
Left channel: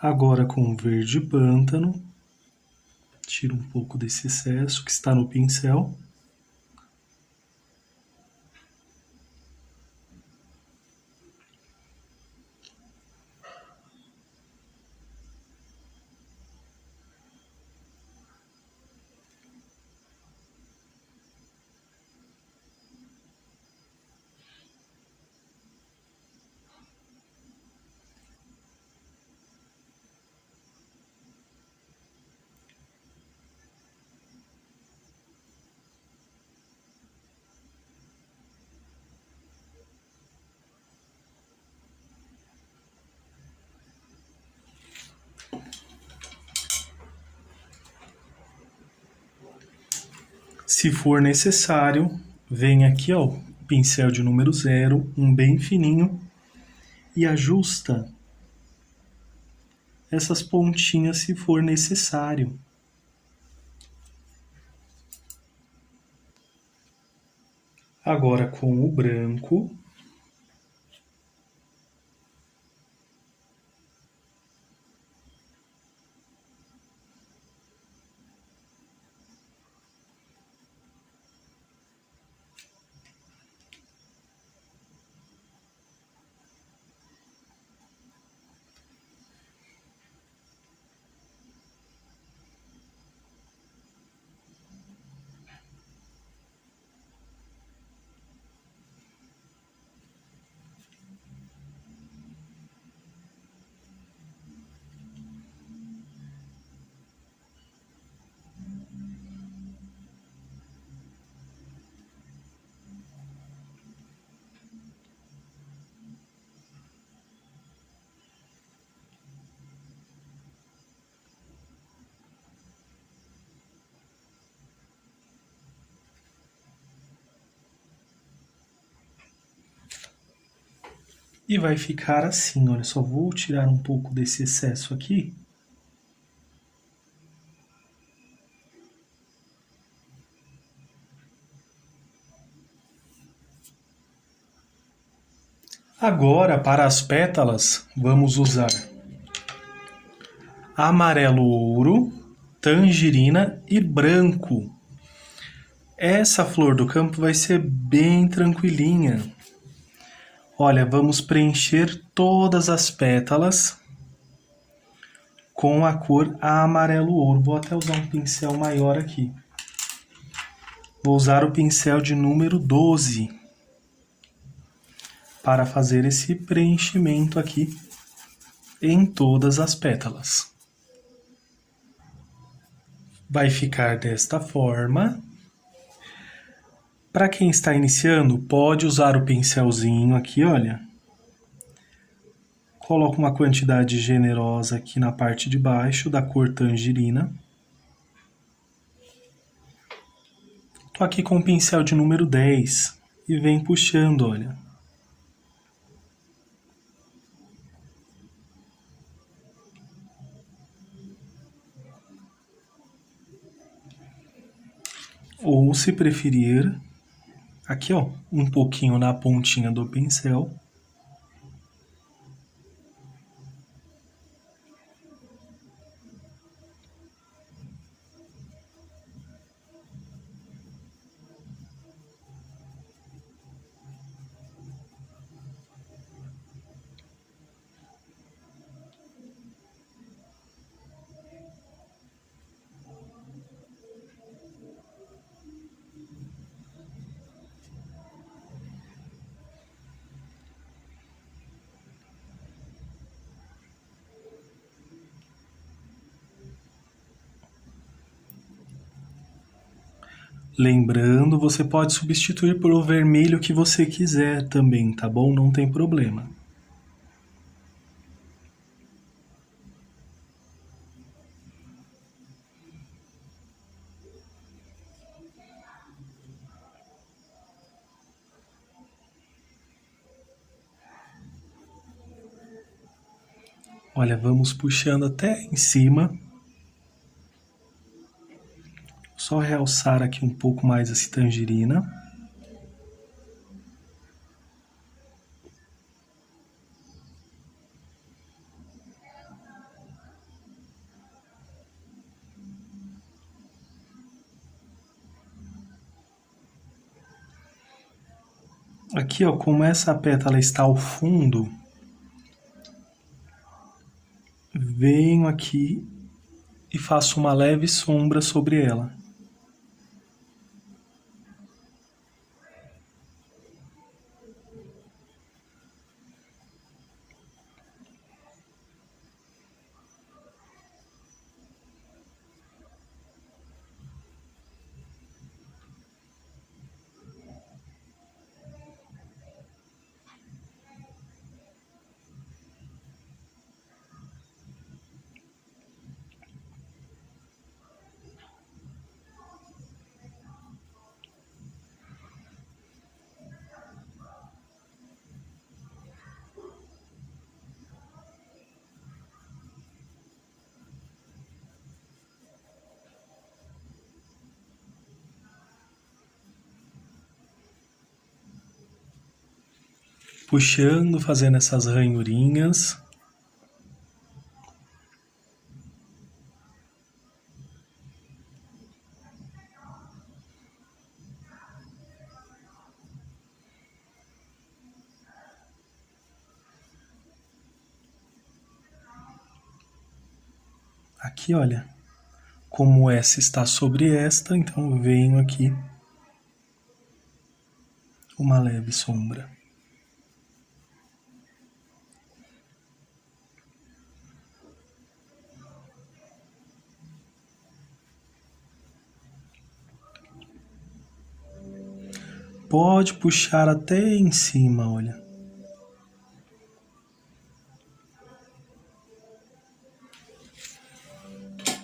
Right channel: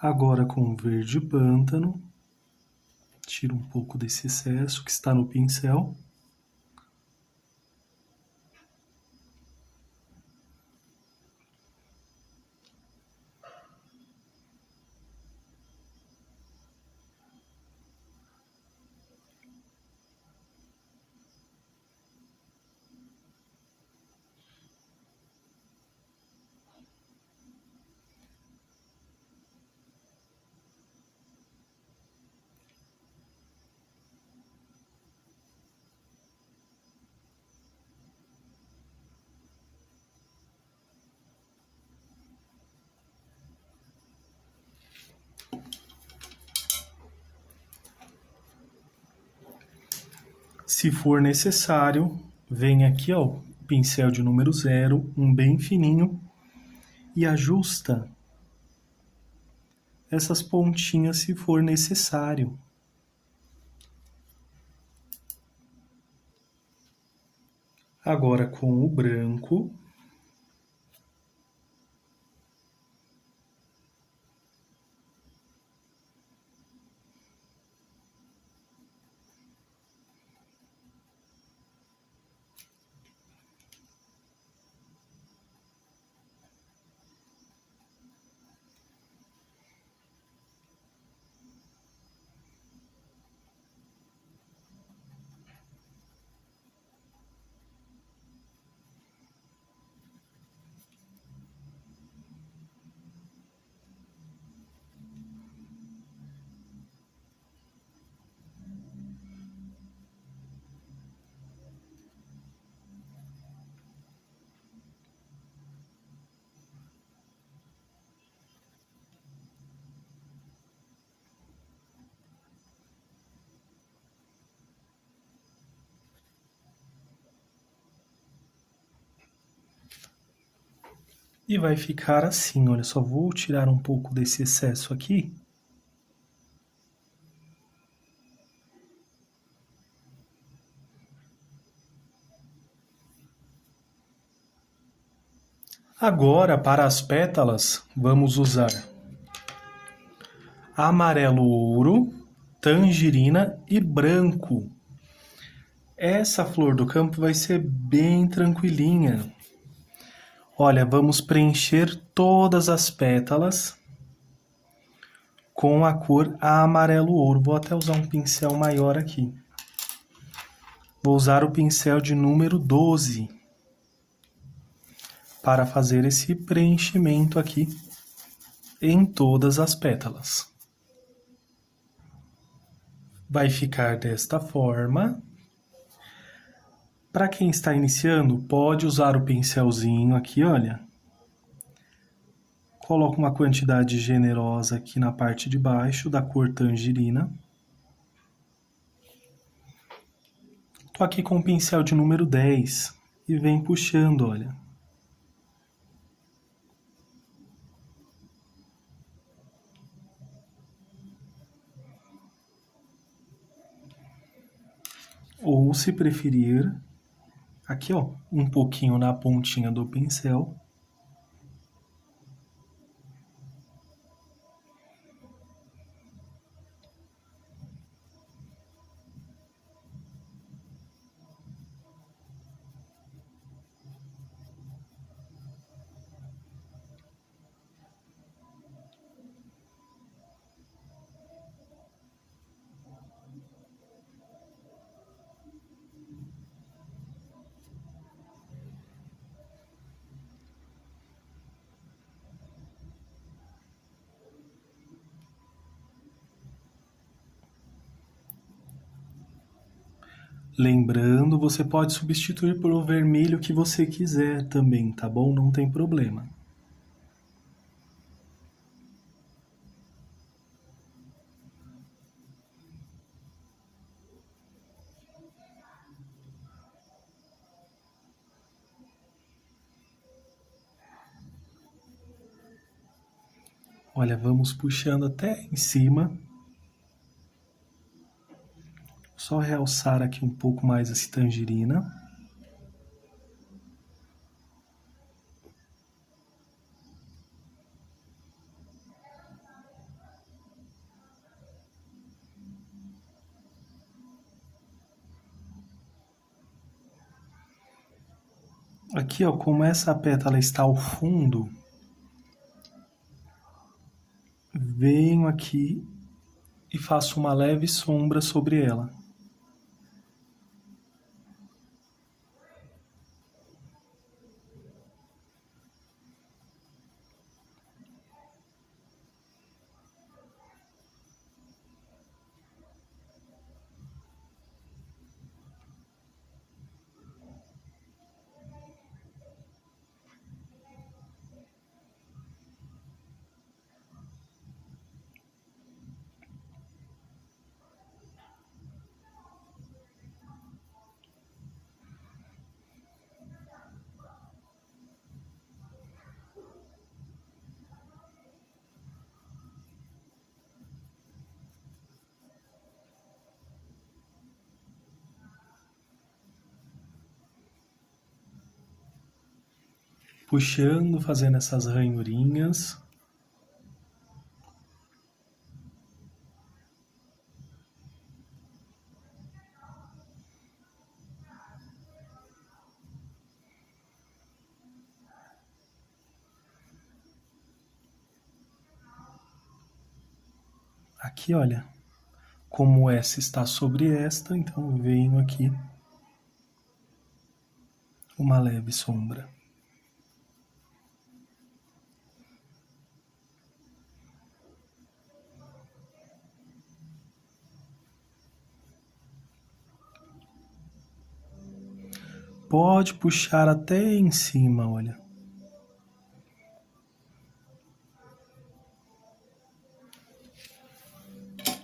Agora com o verde pântano, tira um pouco desse excesso que está no pincel. Se for necessário, vem aqui, ó, pincel de número 0, um bem fininho, e ajusta essas pontinhas se for necessário. Agora com o branco, e vai ficar assim, olha, só vou tirar um pouco desse excesso aqui. Agora, para as pétalas, vamos usar amarelo ouro, tangerina e branco. Essa flor do campo vai ser bem tranquilinha. Olha, vamos preencher todas as pétalas com a cor amarelo ouro. Vou até usar um pincel maior aqui. Vou usar o pincel de número 12 para fazer esse preenchimento aqui em todas as pétalas. Vai ficar desta forma. Para quem está iniciando, pode usar o pincelzinho aqui, olha. Coloco uma quantidade generosa aqui na parte de baixo da cor tangerina. Tô aqui com o pincel de número 10 e vem puxando, olha. Ou, se preferir, aqui, ó, um pouquinho na pontinha do pincel. Lembrando, você pode substituir pelo vermelho que você quiser também, tá bom? Não tem problema. Olha, vamos puxando até em cima. Só realçar aqui um pouco mais essa tangerina. Aqui, ó, como essa pétala está ao fundo, venho aqui e faço uma leve sombra sobre ela. Puxando, fazendo essas ranhurinhas. Aqui, olha, como essa está sobre esta, então eu venho aqui uma leve sombra. Pode puxar até em cima, olha.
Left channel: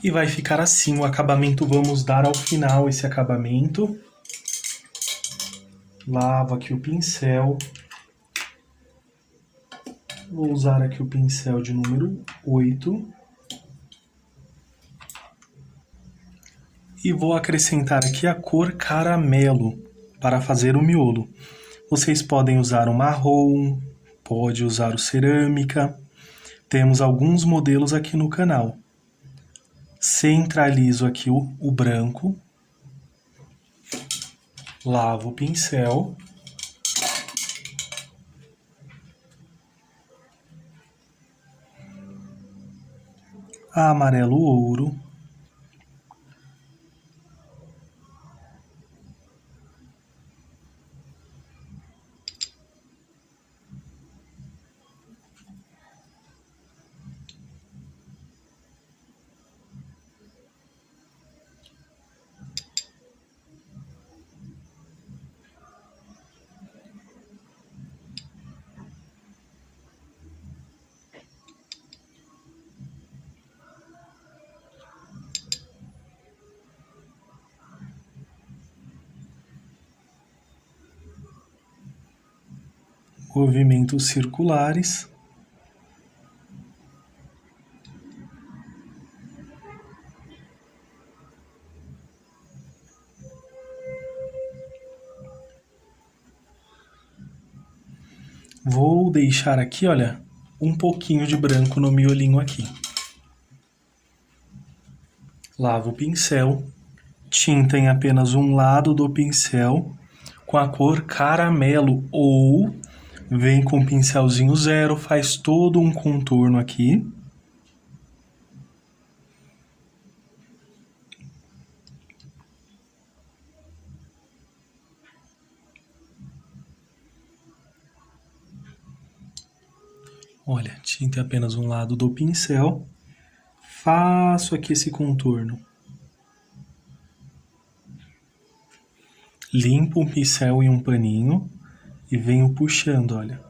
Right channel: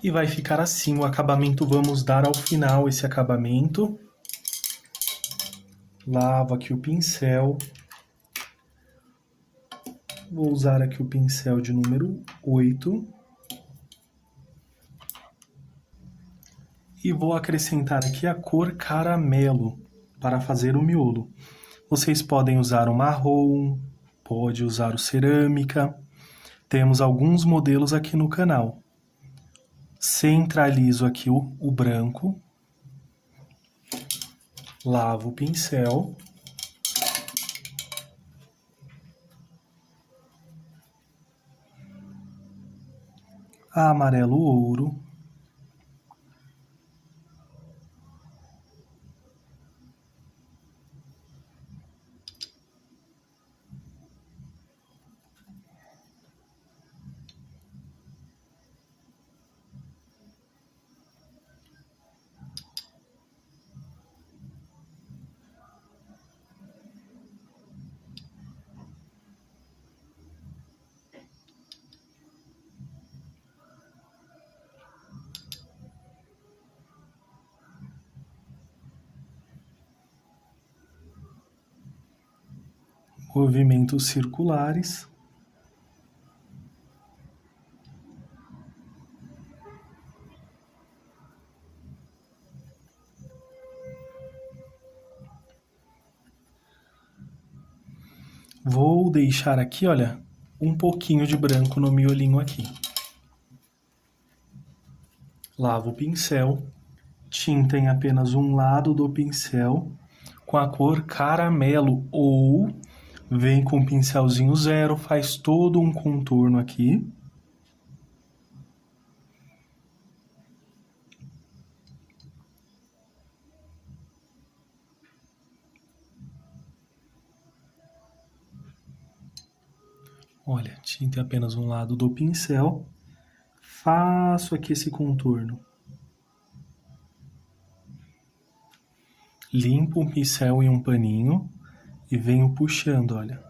E vai ficar assim o acabamento. Vamos dar ao final esse acabamento. Lavo aqui o pincel. Vou usar aqui o pincel de número 8. E vou acrescentar aqui a cor caramelo para fazer o miolo. Vocês podem usar o marrom, pode usar o cerâmica. Temos alguns modelos aqui no canal. Centralizo aqui o branco. Lavo o pincel. Amarelo ouro. Movimentos circulares. Vou deixar aqui, olha, um pouquinho de branco no miolinho aqui. Lavo o pincel, tinta em apenas um lado do pincel com a cor caramelo, ou vem com o pincelzinho 0, faz todo um contorno aqui. Olha, tinta em apenas um lado do pincel. Faço aqui esse contorno. Limpo um pincel em um paninho e venho puxando, olha.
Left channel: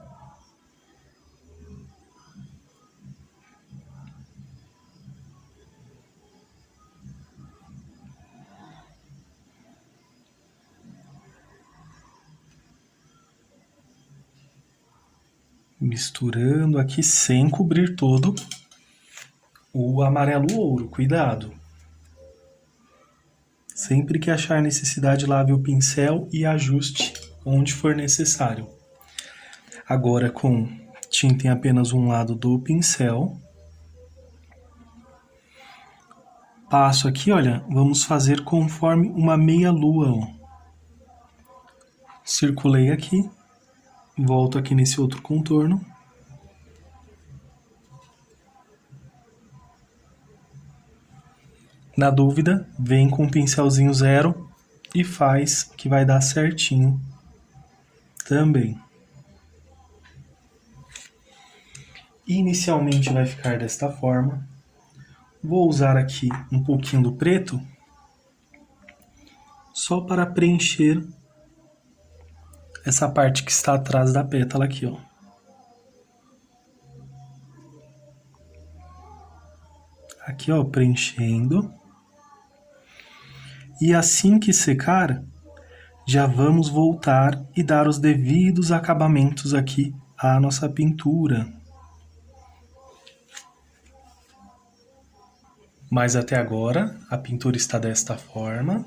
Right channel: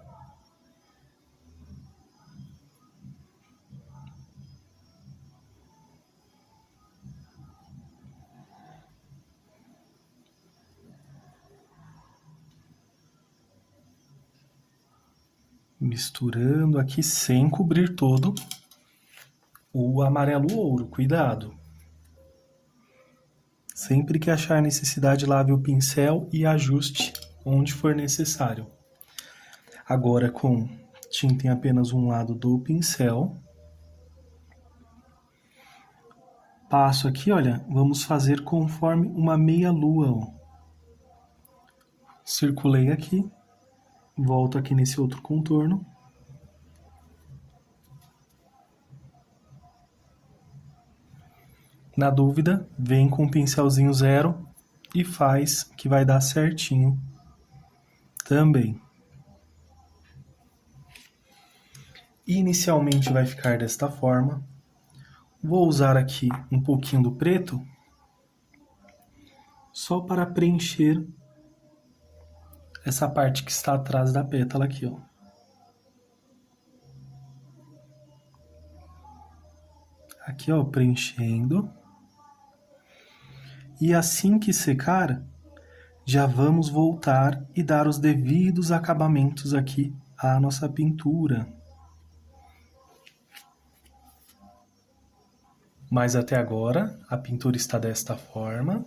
Misturando aqui sem cobrir todo o amarelo ouro, cuidado. Sempre que achar necessidade, lave o pincel e ajuste onde for necessário. Agora, com tinta em apenas um lado do pincel, passo aqui, olha, vamos fazer conforme uma meia-lua. Circulei aqui, Volto aqui nesse outro contorno. Na dúvida, vem com o pincelzinho 0 e faz que vai dar certinho também. Inicialmente vai ficar desta forma. Vou usar aqui um pouquinho do preto, só para preencher essa parte que está atrás da pétala aqui, ó. Aqui, ó, preenchendo. E assim que secar, já vamos voltar e dar os devidos acabamentos aqui à nossa pintura. Mas até agora, a pintura está desta forma.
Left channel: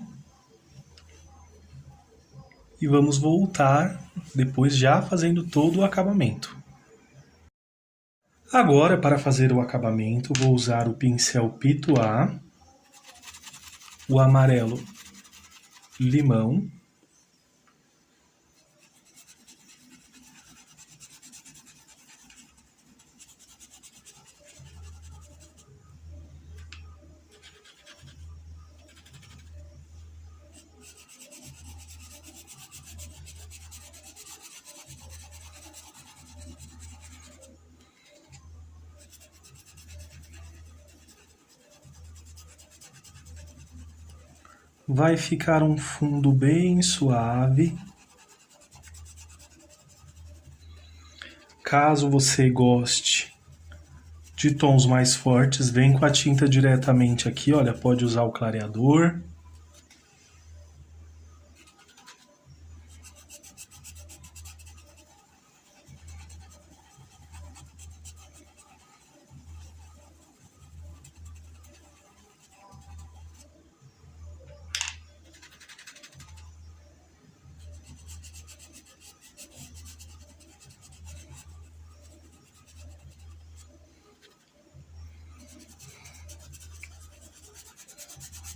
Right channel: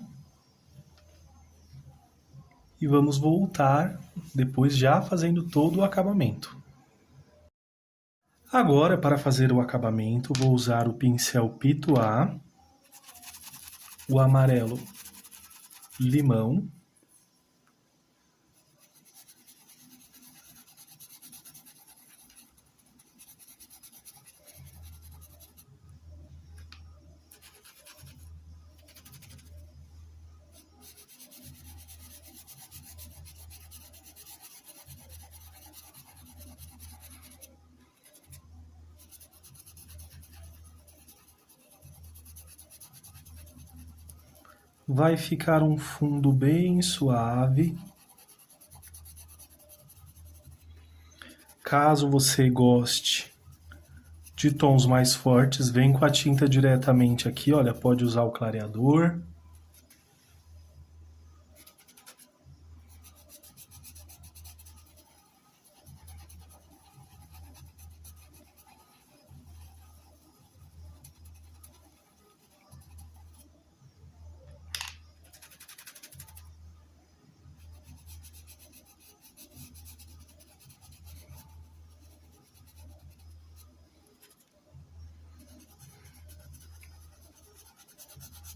E vamos voltar, depois já fazendo todo o acabamento. Agora, para fazer o acabamento, vou usar o pincel Pituá, o amarelo limão, vai ficar um fundo bem suave. Caso você goste de tons mais fortes, vem com a tinta diretamente aqui, olha, pode usar o clareador.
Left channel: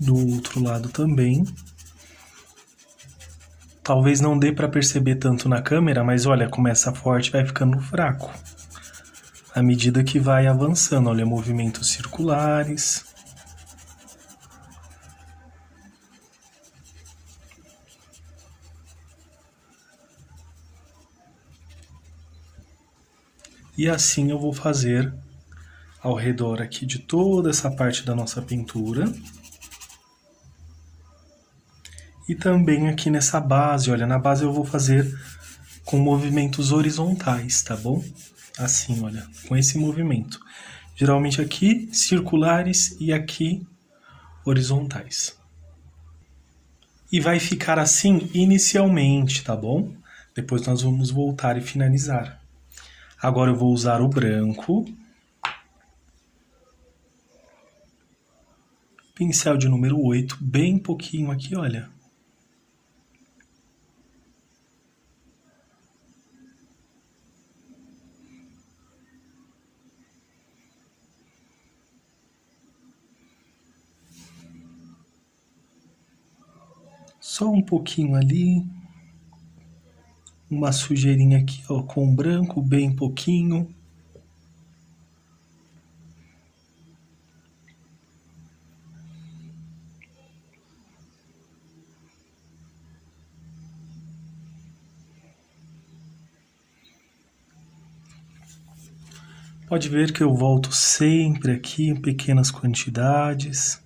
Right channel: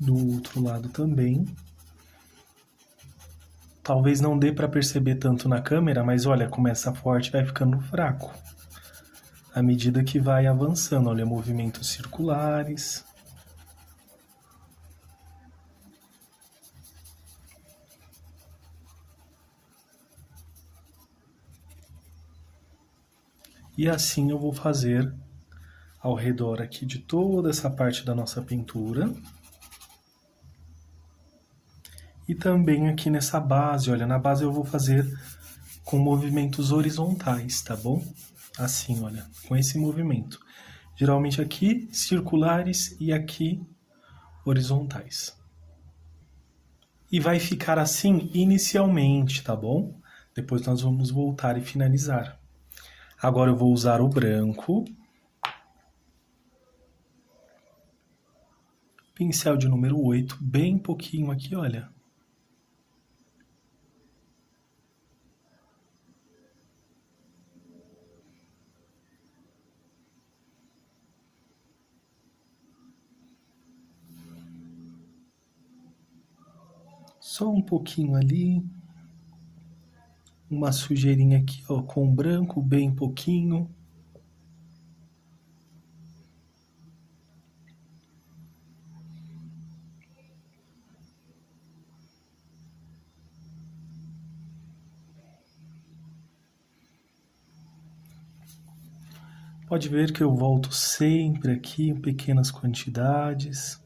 Do outro lado também. Talvez não dê para perceber tanto na câmera, mas olha, começa forte e vai ficando fraco. À medida que vai avançando, olha, movimentos circulares. E assim eu vou fazer ao redor aqui de toda essa parte da nossa pintura. E também aqui nessa base, olha, na base eu vou fazer com movimentos horizontais, tá bom? Assim, olha, com esse movimento. Geralmente aqui circulares e aqui horizontais. E vai ficar assim inicialmente, tá bom? Depois nós vamos voltar e finalizar. Agora eu vou usar o branco. Pincel de número 8, bem pouquinho aqui, olha. Só um pouquinho ali. Uma sujeirinha aqui, ó, com branco, bem pouquinho. Pode ver que eu volto sempre aqui em pequenas quantidades.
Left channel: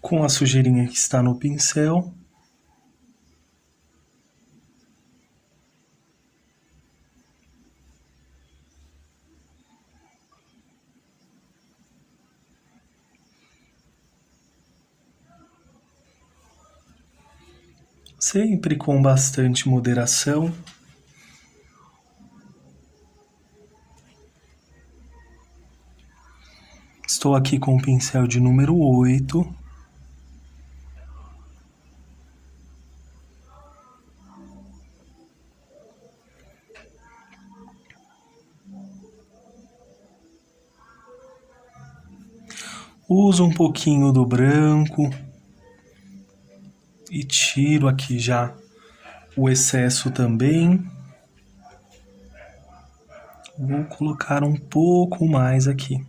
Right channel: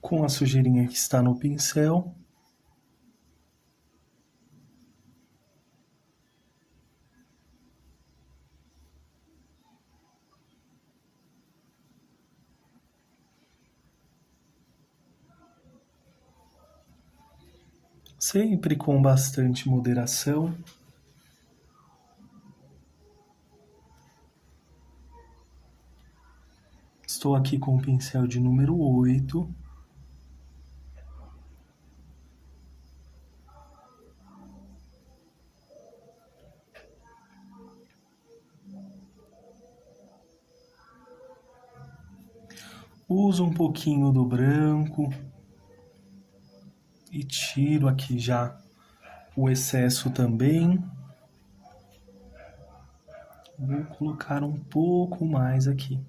Com a sujeirinha que está no pincel. sempre com bastante moderação. Estou aqui com o pincel de número 8. Uso um pouquinho do branco e tiro aqui já o excesso também. Vou colocar um pouco mais aqui.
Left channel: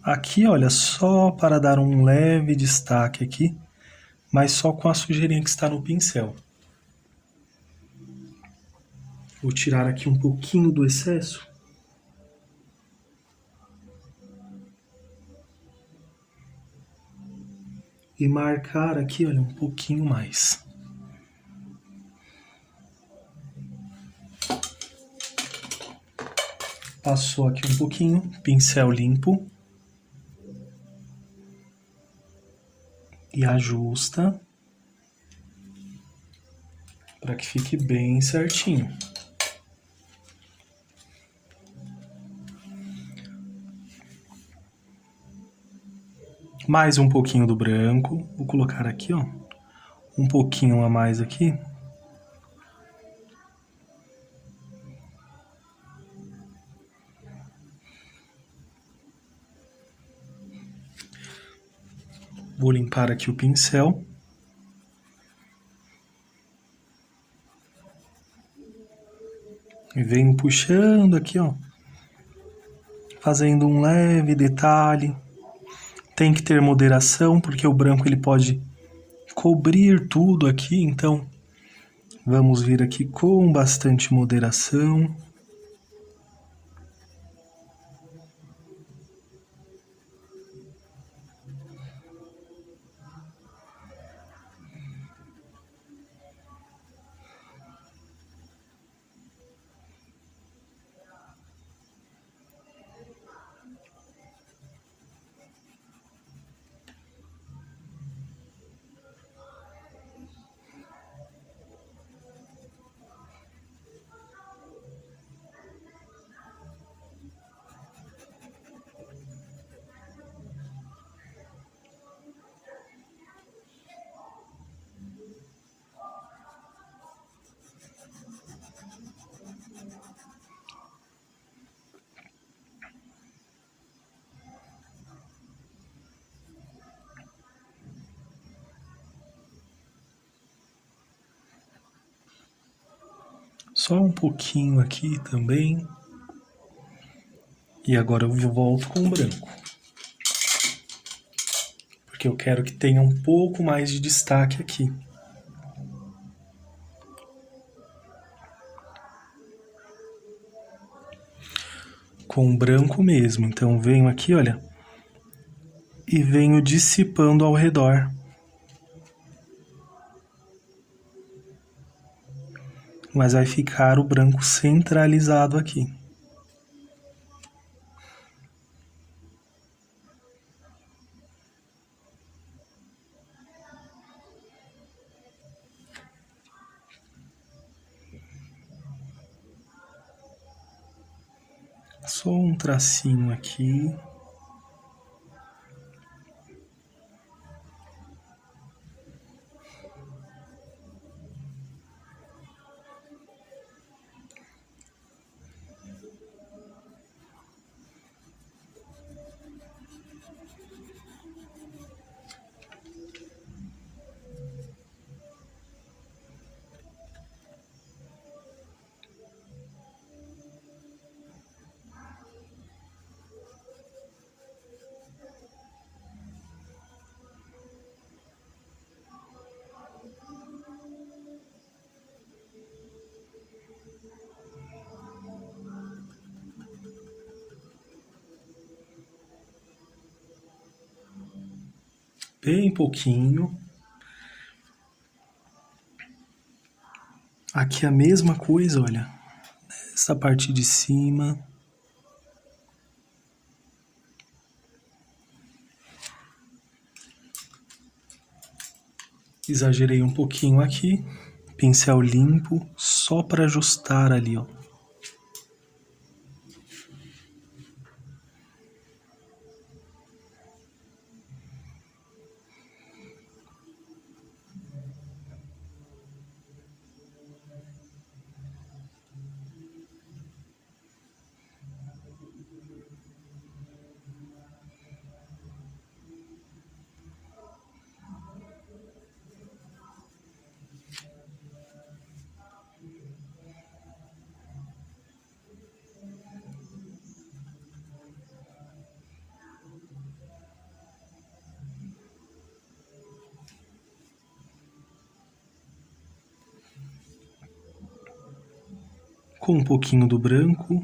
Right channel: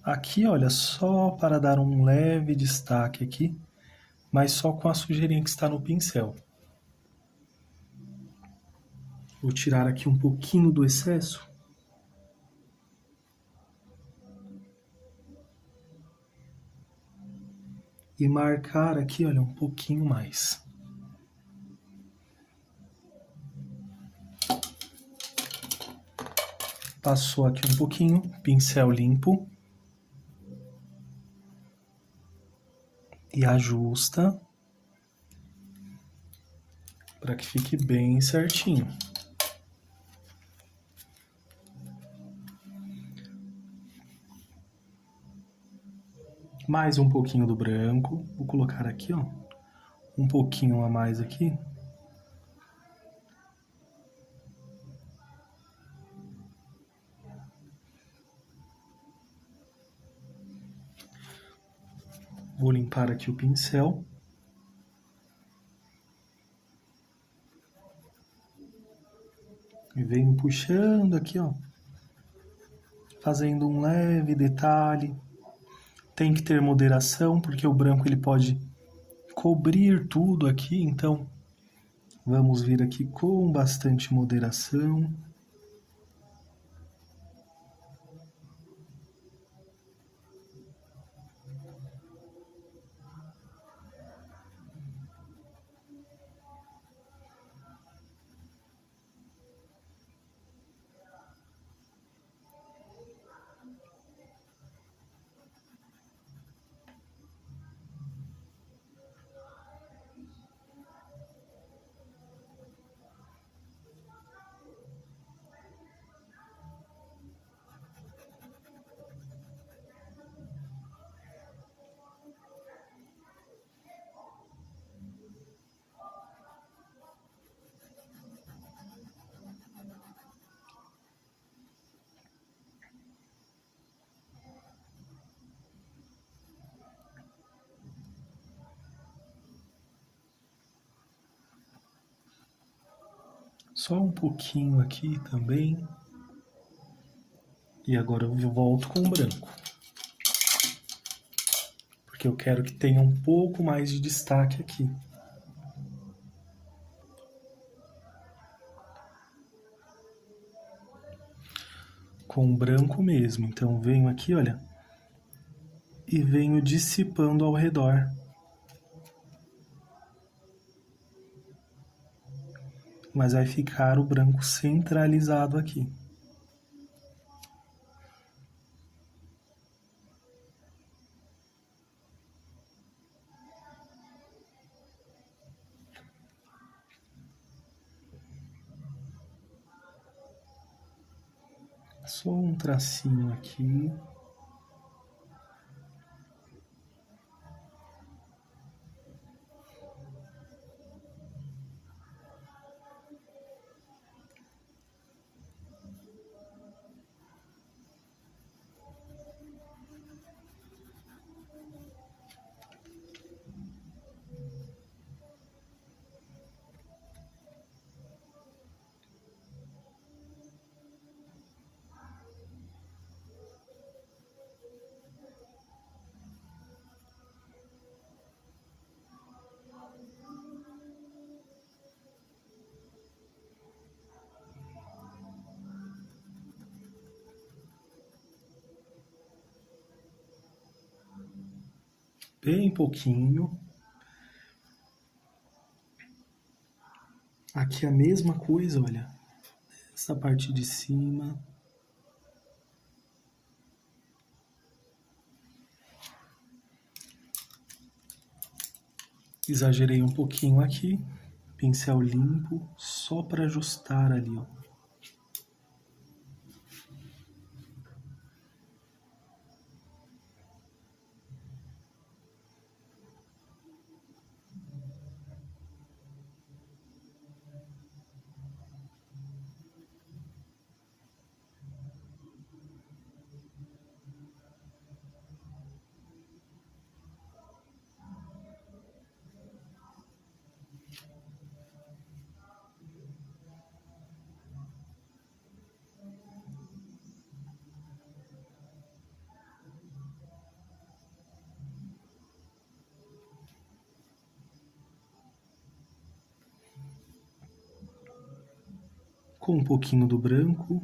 Aqui, olha, só para dar um leve destaque aqui, mas só com a sujeirinha que está no pincel. Vou tirar aqui um pouquinho do excesso. E marcar aqui, olha, um pouquinho mais. Passou aqui um pouquinho, pincel limpo. E ajusta para que fique bem certinho. Mais um pouquinho do branco, vou colocar aqui, ó, um pouquinho a mais aqui. Vou limpar aqui o pincel. E venho puxando aqui, ó, fazendo um leve detalhe. Tem que ter moderação, porque o branco ele pode cobrir tudo aqui, então vamos vir aqui com bastante moderação. Só um pouquinho aqui também. E agora eu volto com o branco. Porque eu quero que tenha um pouco mais de destaque aqui. Com o branco mesmo. Então venho aqui, olha, e venho dissipando ao redor. Mas vai ficar o branco centralizado aqui. Só um tracinho aqui. Bem pouquinho. Aqui a mesma coisa, olha. Essa parte de cima. Exagerei um pouquinho aqui. Pincel limpo, só para ajustar ali, ó. Com um pouquinho do branco.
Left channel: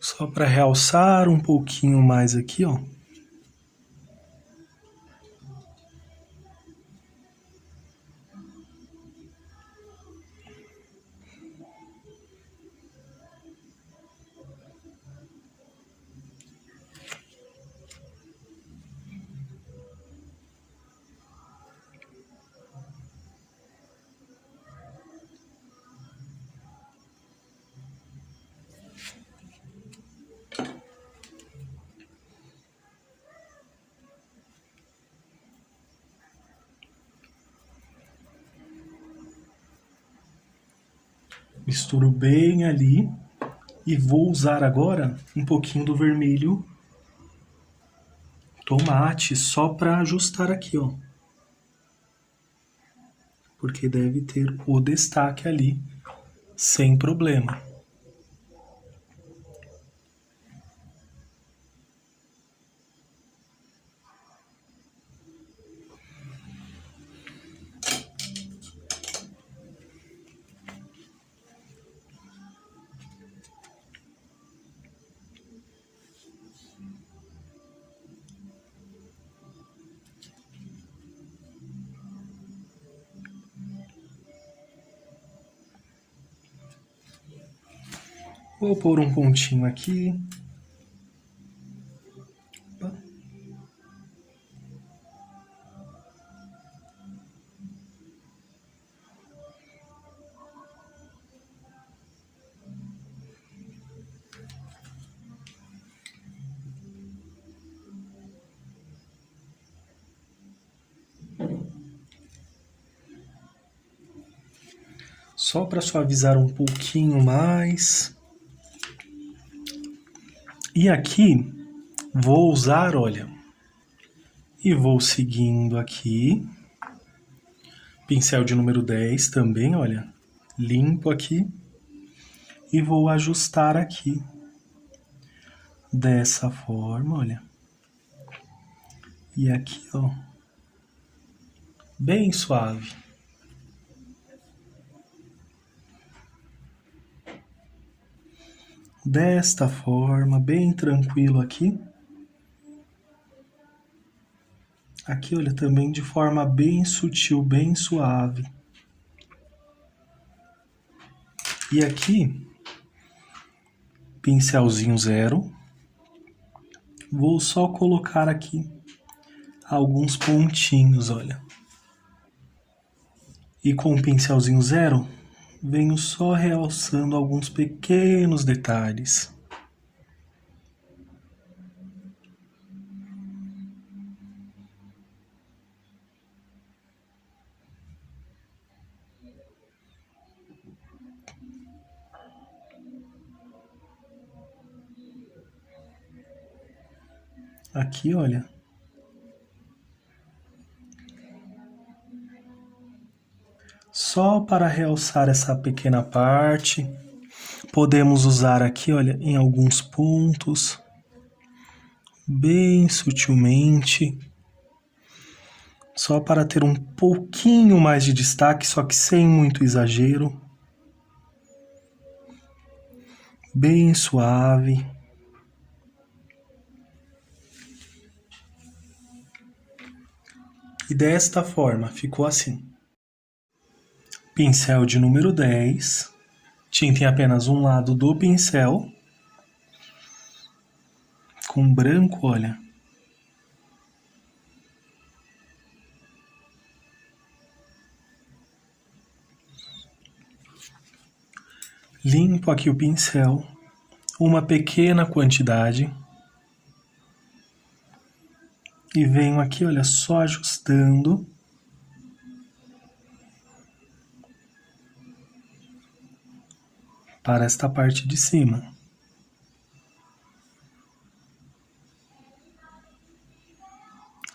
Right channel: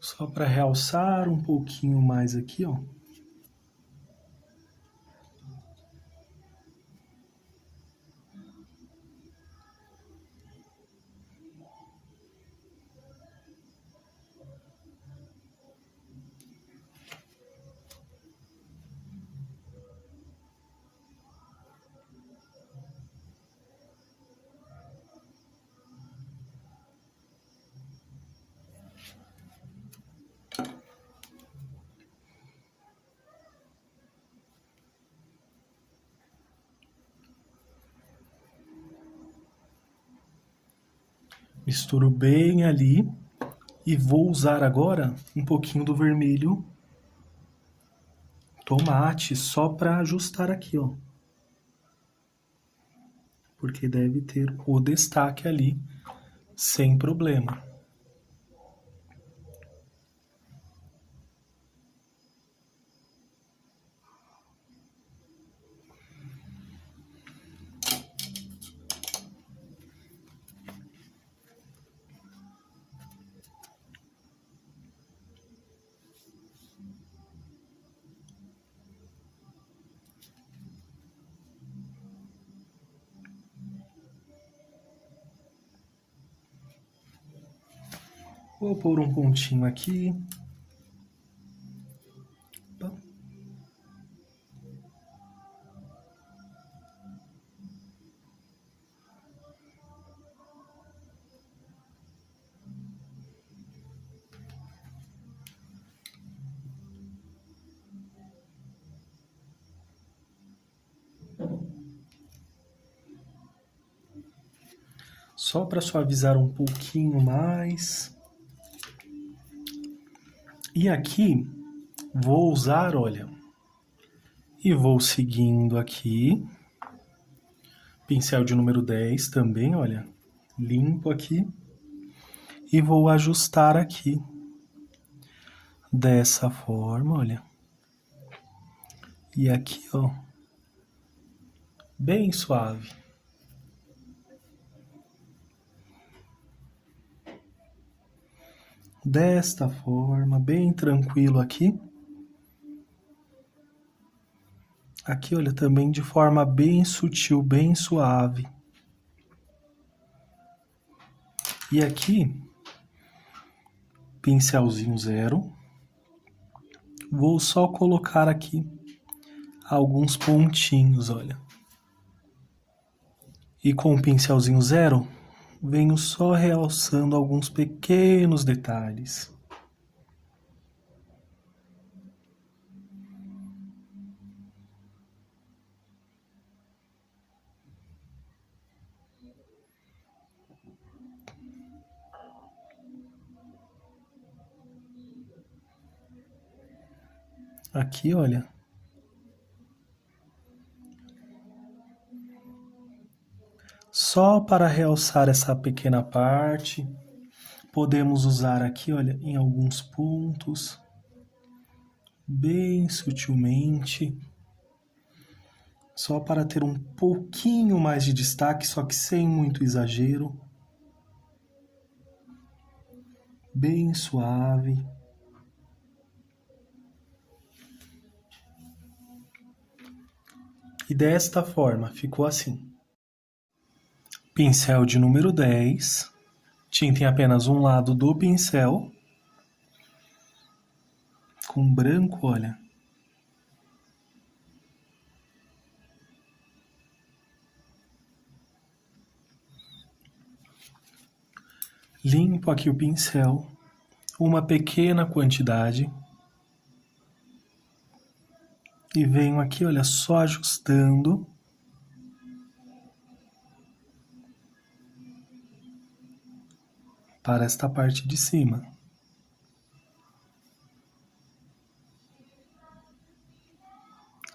Só para realçar um pouquinho mais aqui, ó. Misturo bem ali e vou usar agora um pouquinho do vermelho tomate só para ajustar aqui, ó. Porque deve ter o destaque ali sem problema. Vou pôr um pontinho aqui. Só para suavizar um pouquinho mais. E aqui vou usar, olha, e vou seguindo aqui. Pincel de número 10 também, olha, limpo aqui. E vou ajustar aqui. Dessa forma, olha. E aqui, ó, bem suave. Desta forma, bem tranquilo aqui. Aqui, olha, também de forma bem sutil, bem suave. E aqui, pincelzinho zero. Vou só colocar aqui alguns pontinhos, olha. E com o pincelzinho zero, venho só realçando alguns pequenos detalhes. Aqui, olha. Só para realçar essa pequena parte. Podemos usar aqui, olha, em alguns pontos, bem sutilmente, só para ter um pouquinho mais de destaque, só que sem muito exagero. Bem suave. E desta forma, ficou assim. Pincel de número 10. Tinta em apenas um lado do pincel. Com branco, olha. Limpo aqui o pincel. Uma pequena quantidade. E venho aqui, olha, só ajustando. Para esta parte de cima.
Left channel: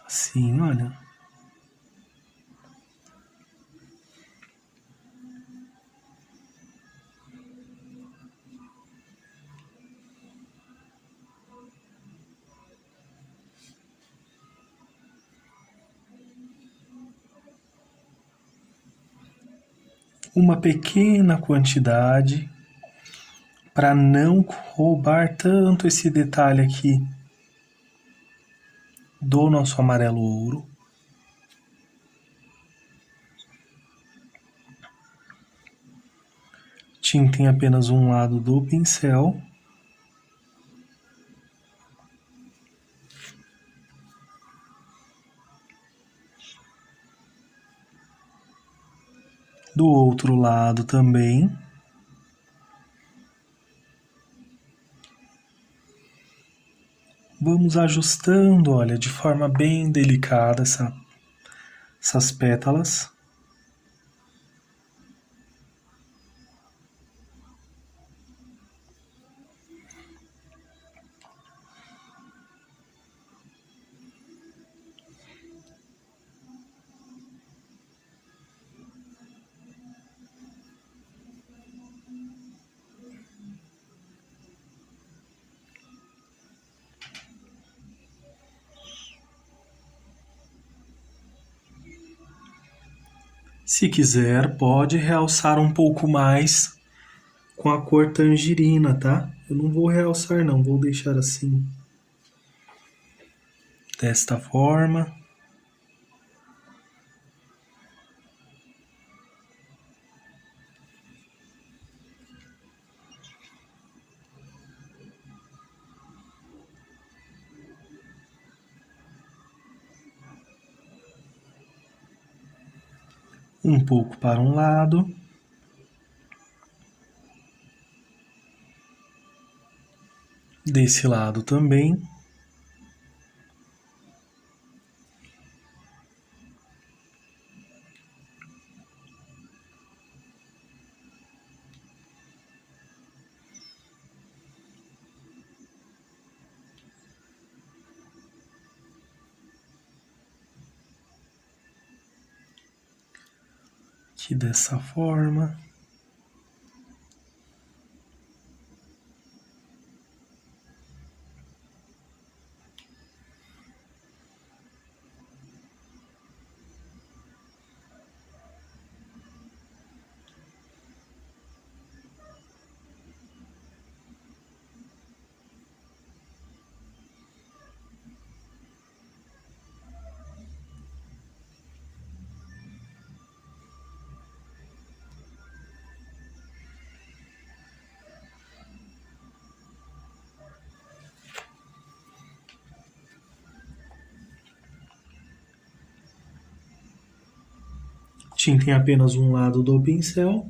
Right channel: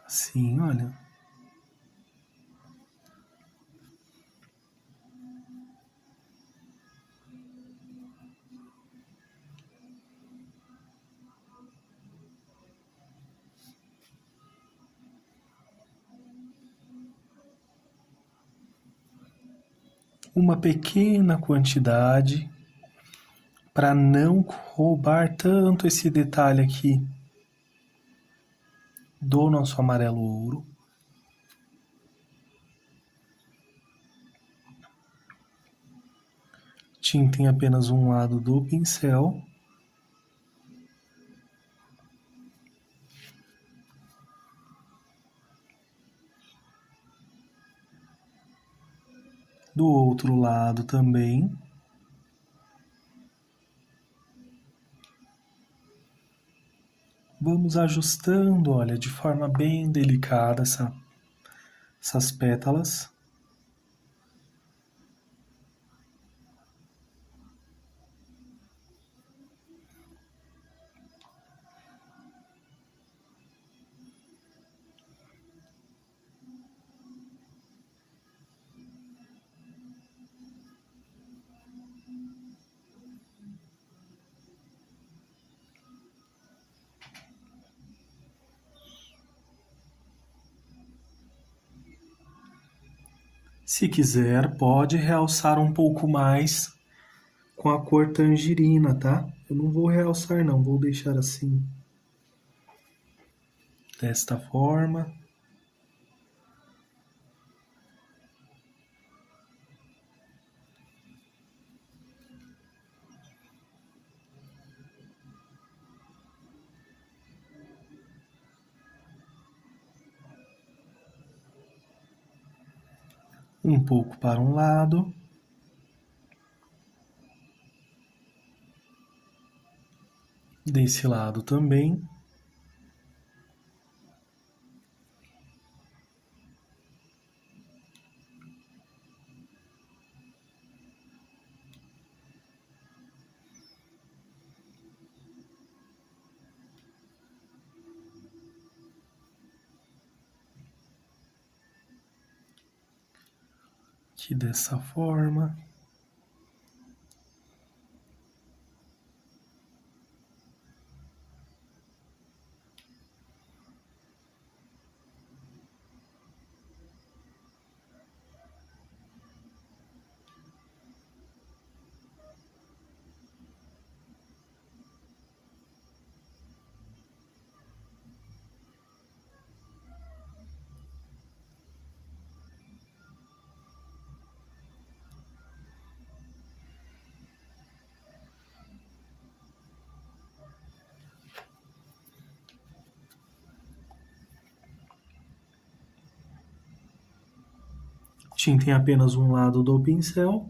Assim, olha. Uma pequena quantidade para não roubar tanto esse detalhe aqui do nosso amarelo ouro. Tinta em apenas um lado do pincel. Do outro lado também. Vamos ajustando, olha, de forma bem delicada essas pétalas. Se quiser, pode realçar um pouco mais com a cor tangerina, tá? Eu não vou realçar não, vou deixar assim. Desta forma. Um pouco para um lado. Desse lado também. Aqui dessa forma. Tinta em apenas um lado do pincel.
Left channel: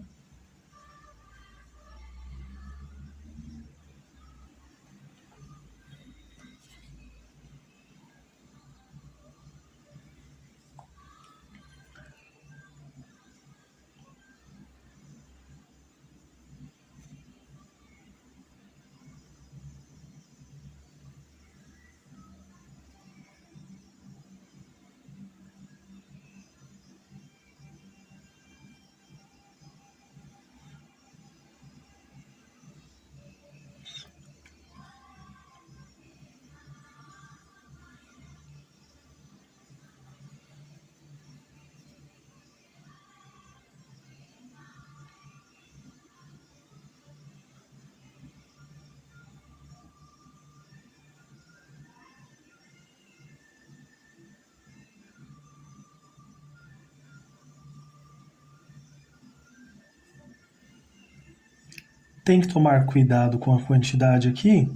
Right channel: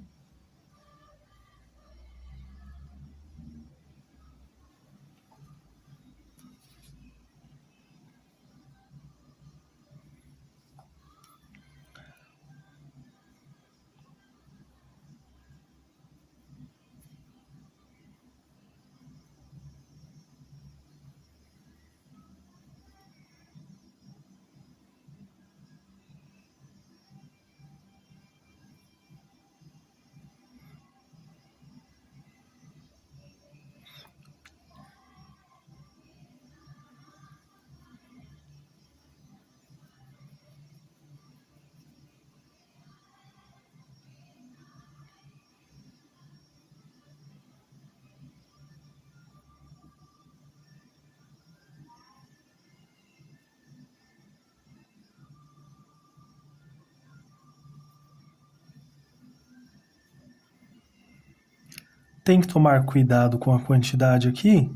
Tem que tomar cuidado com a quantidade aqui,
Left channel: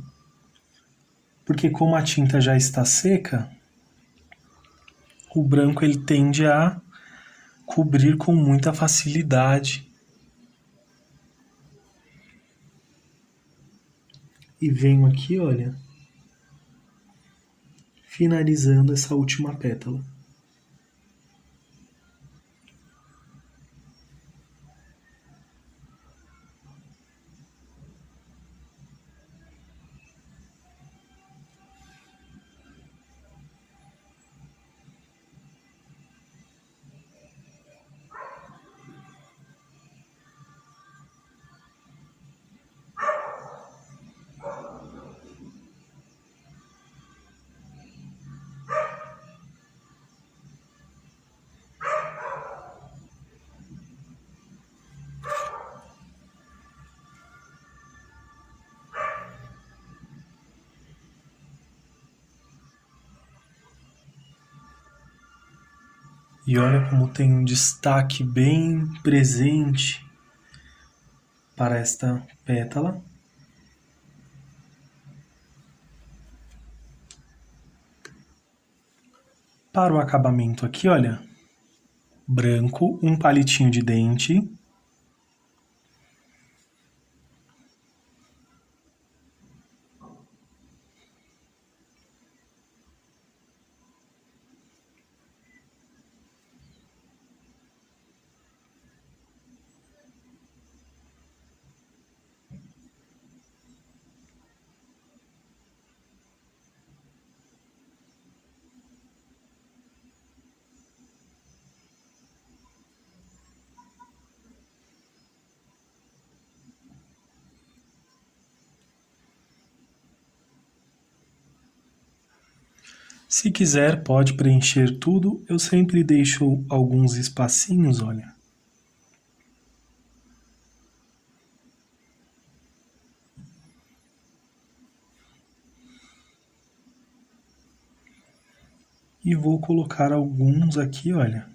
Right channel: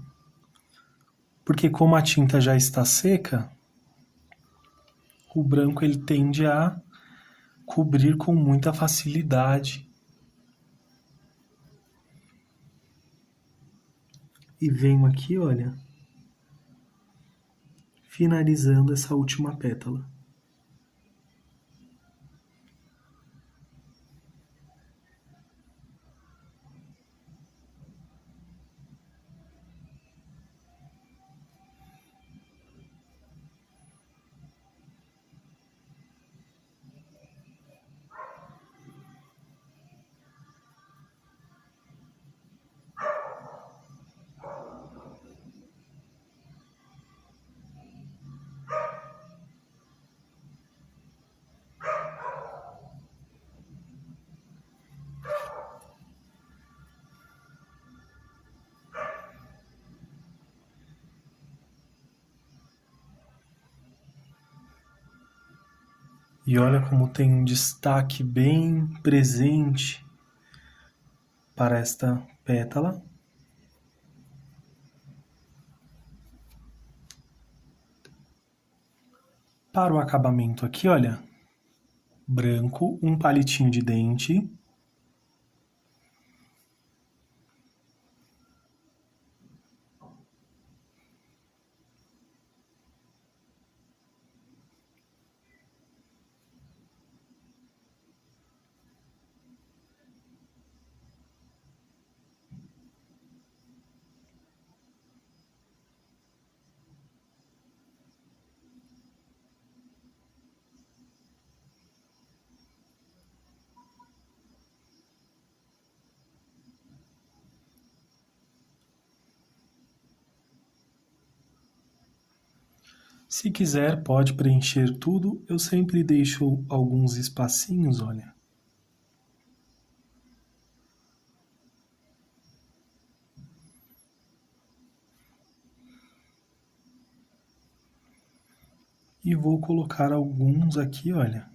porque como a tinta já está seca, o branco ele tende a cobrir com muita facilidade. E venho aqui, olha, finalizando essa última pétala. E olha como tem um destaque bem presente para esta pétala. Para o acabamento aqui, olha, branco, um palitinho de dente. Se quiser, pode preencher tudo. Eu sempre deixo alguns espacinhos, olha. E vou colocar alguns aqui, olha,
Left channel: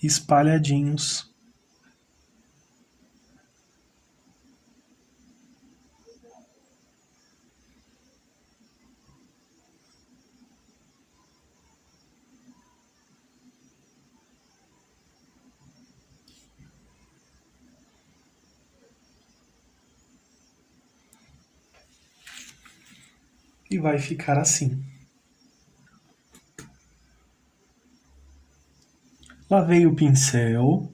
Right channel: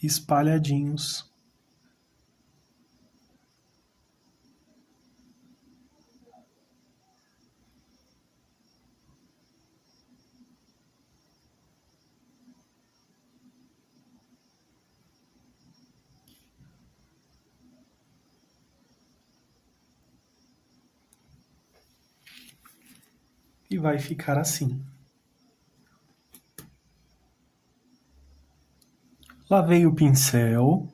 espalhadinhos. E vai ficar assim. Lavei o pincel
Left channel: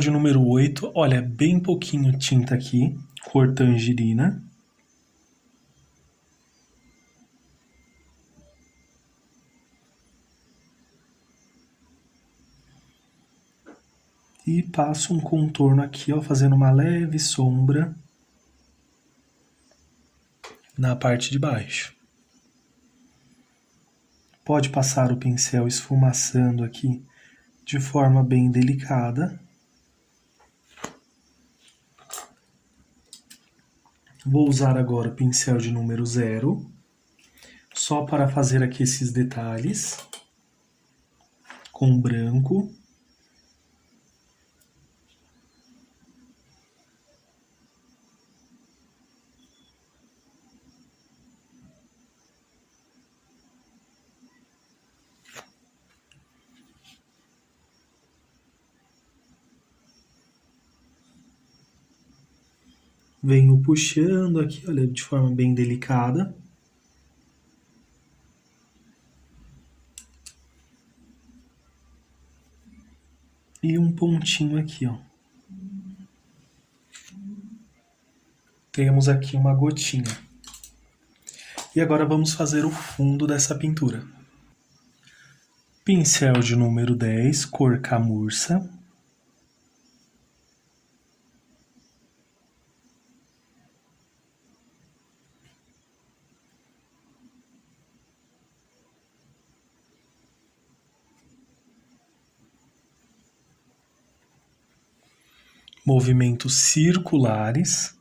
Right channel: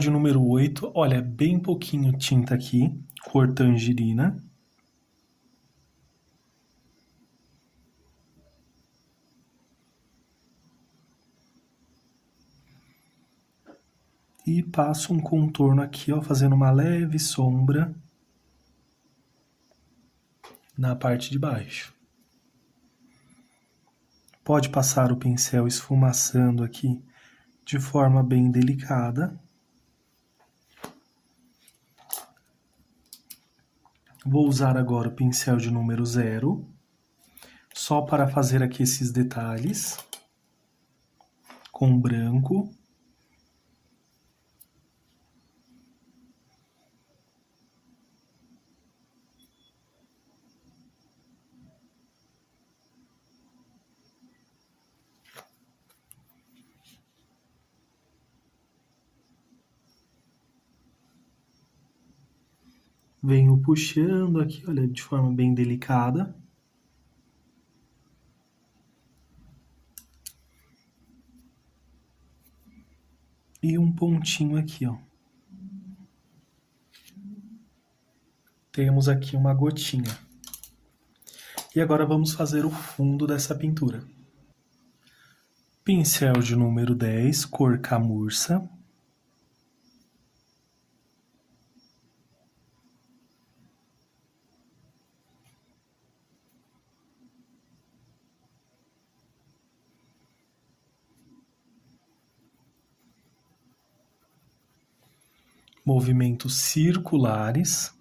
de número 8, olha, bem pouquinho tinta aqui, cor tangerina. E passo um contorno aqui, ó, fazendo uma leve sombra na parte de baixo. Pode passar o pincel esfumaçando aqui de forma bem delicada. Vou usar agora o pincel de número 0, só para fazer aqui esses detalhes, com branco. Venho puxando aqui, olha, de forma bem delicada. E um pontinho aqui, ó. Temos aqui uma gotinha. E agora vamos fazer o fundo dessa pintura. Pincel de número 10, cor camurça. Movimentos circulares.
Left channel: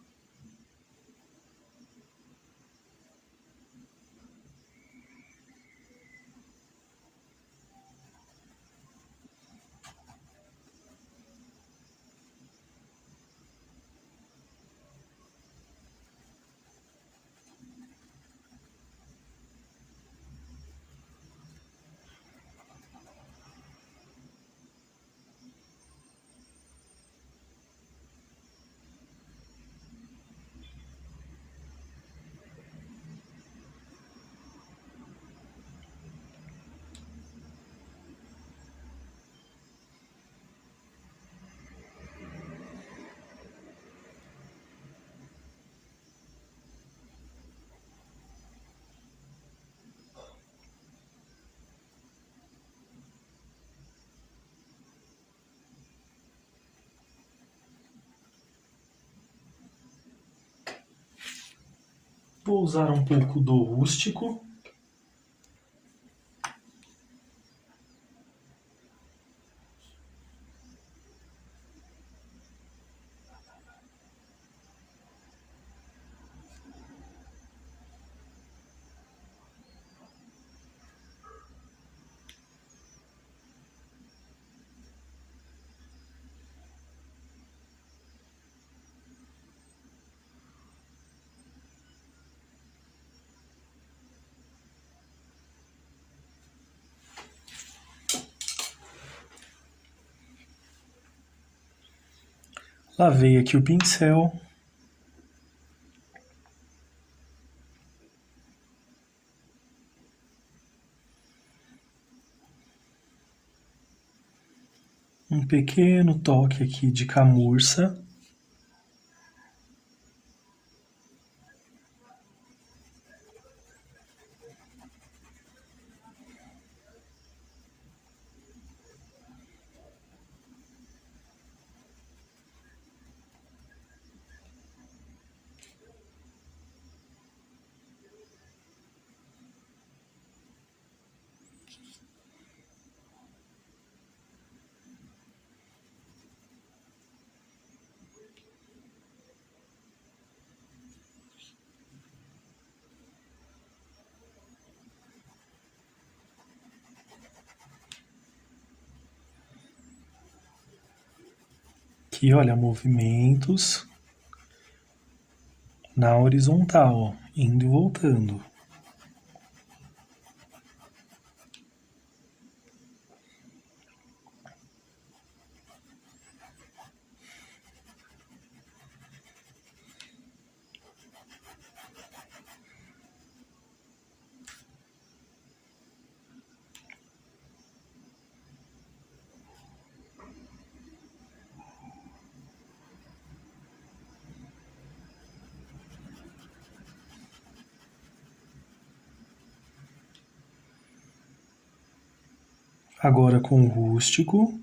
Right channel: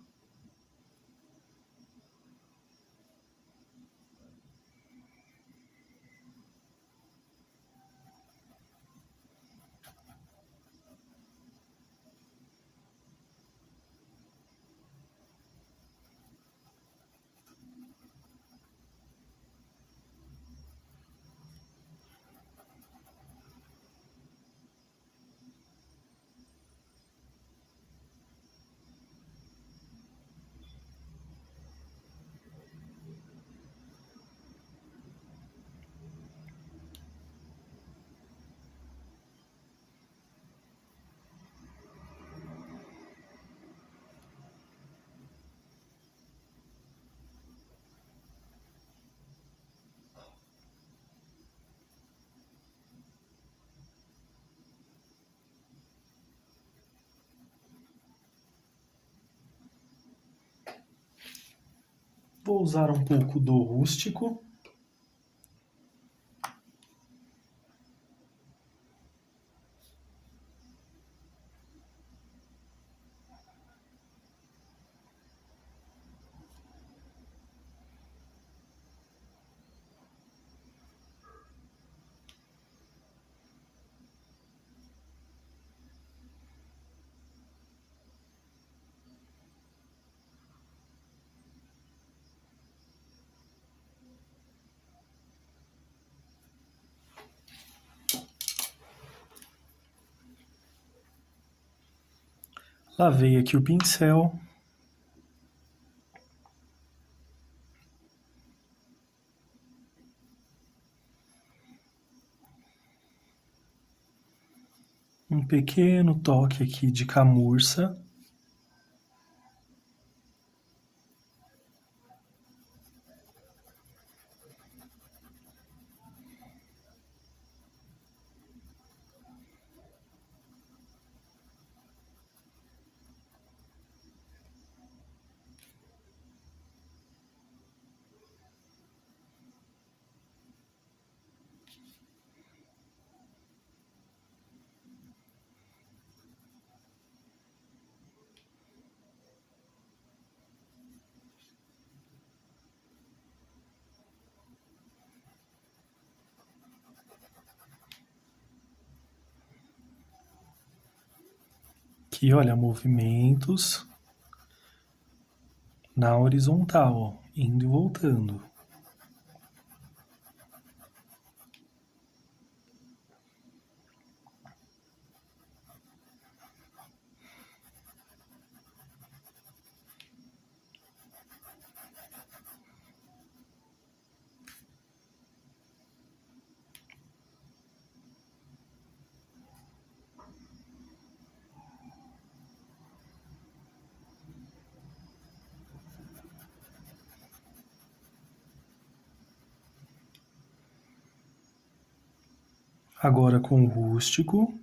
vou usar um pouco do rústico. Lavei aqui o pincel. Um pequeno toque aqui de camurça. Aqui, olha, movimentos na horizontal, ó, indo e voltando. Agora com o rústico.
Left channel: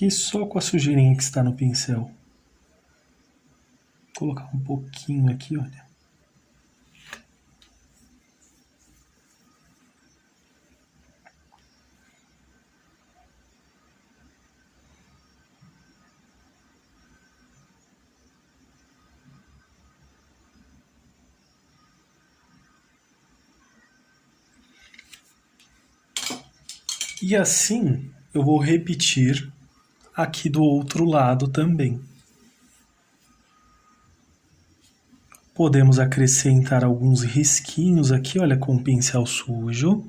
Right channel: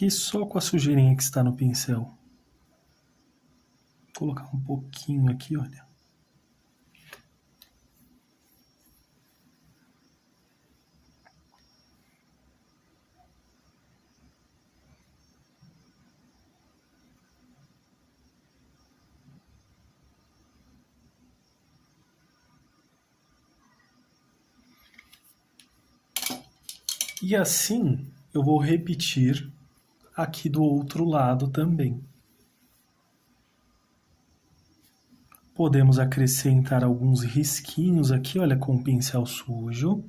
Aqui só com a sujeirinha que está no pincel. Vou colocar um pouquinho aqui, olha. E assim eu vou repetir aqui do outro lado também. Podemos acrescentar alguns risquinhos aqui, olha, com o pincel sujo.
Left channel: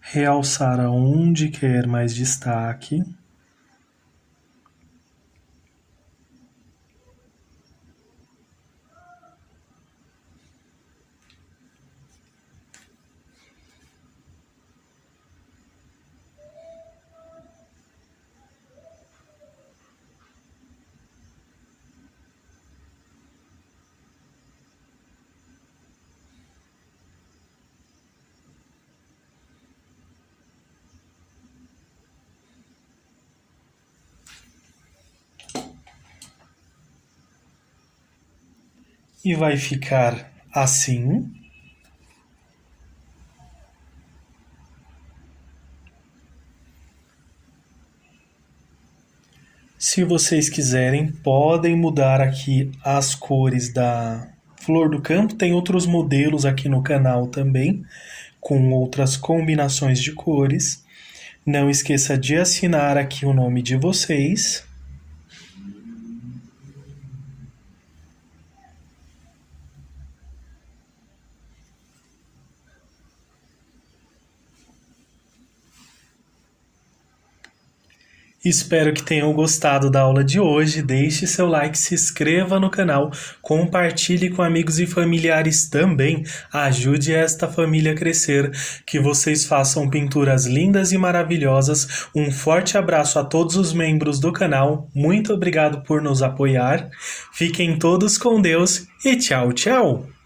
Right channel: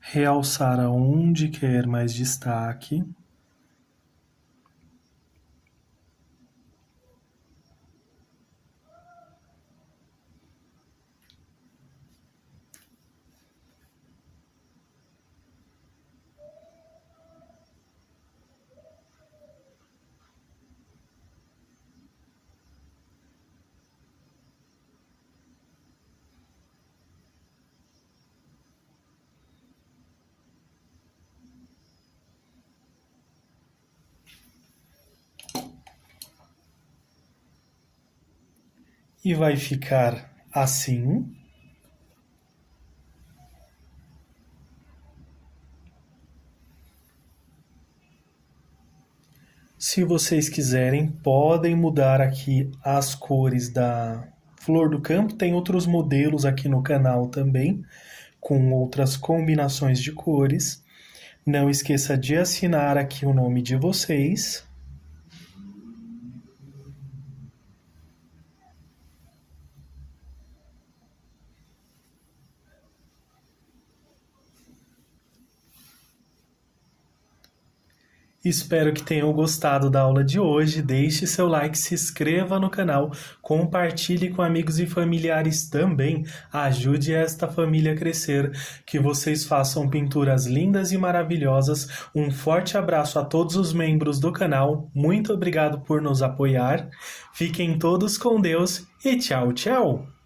Realçar aonde quer mais destaque. e vai ficar assim. Se vocês quiserem, podem mudar aqui as cores da flor do campo. Tem outros modelos aqui no canal também, com outras combinações de cores. Não esqueça de assinar aqui o nome de vocês. Espero que tenham gostado da aula de hoje. Deixe seu like, se inscreva no canal, compartilhe com amigos e familiares também. Ajude esta família a crescer. Que vocês façam pinturas lindas e maravilhosas. Um forte abraço a todos os membros do canal. Muito obrigado por nos apoiar. Fiquem todos com Deus e tchau, tchau!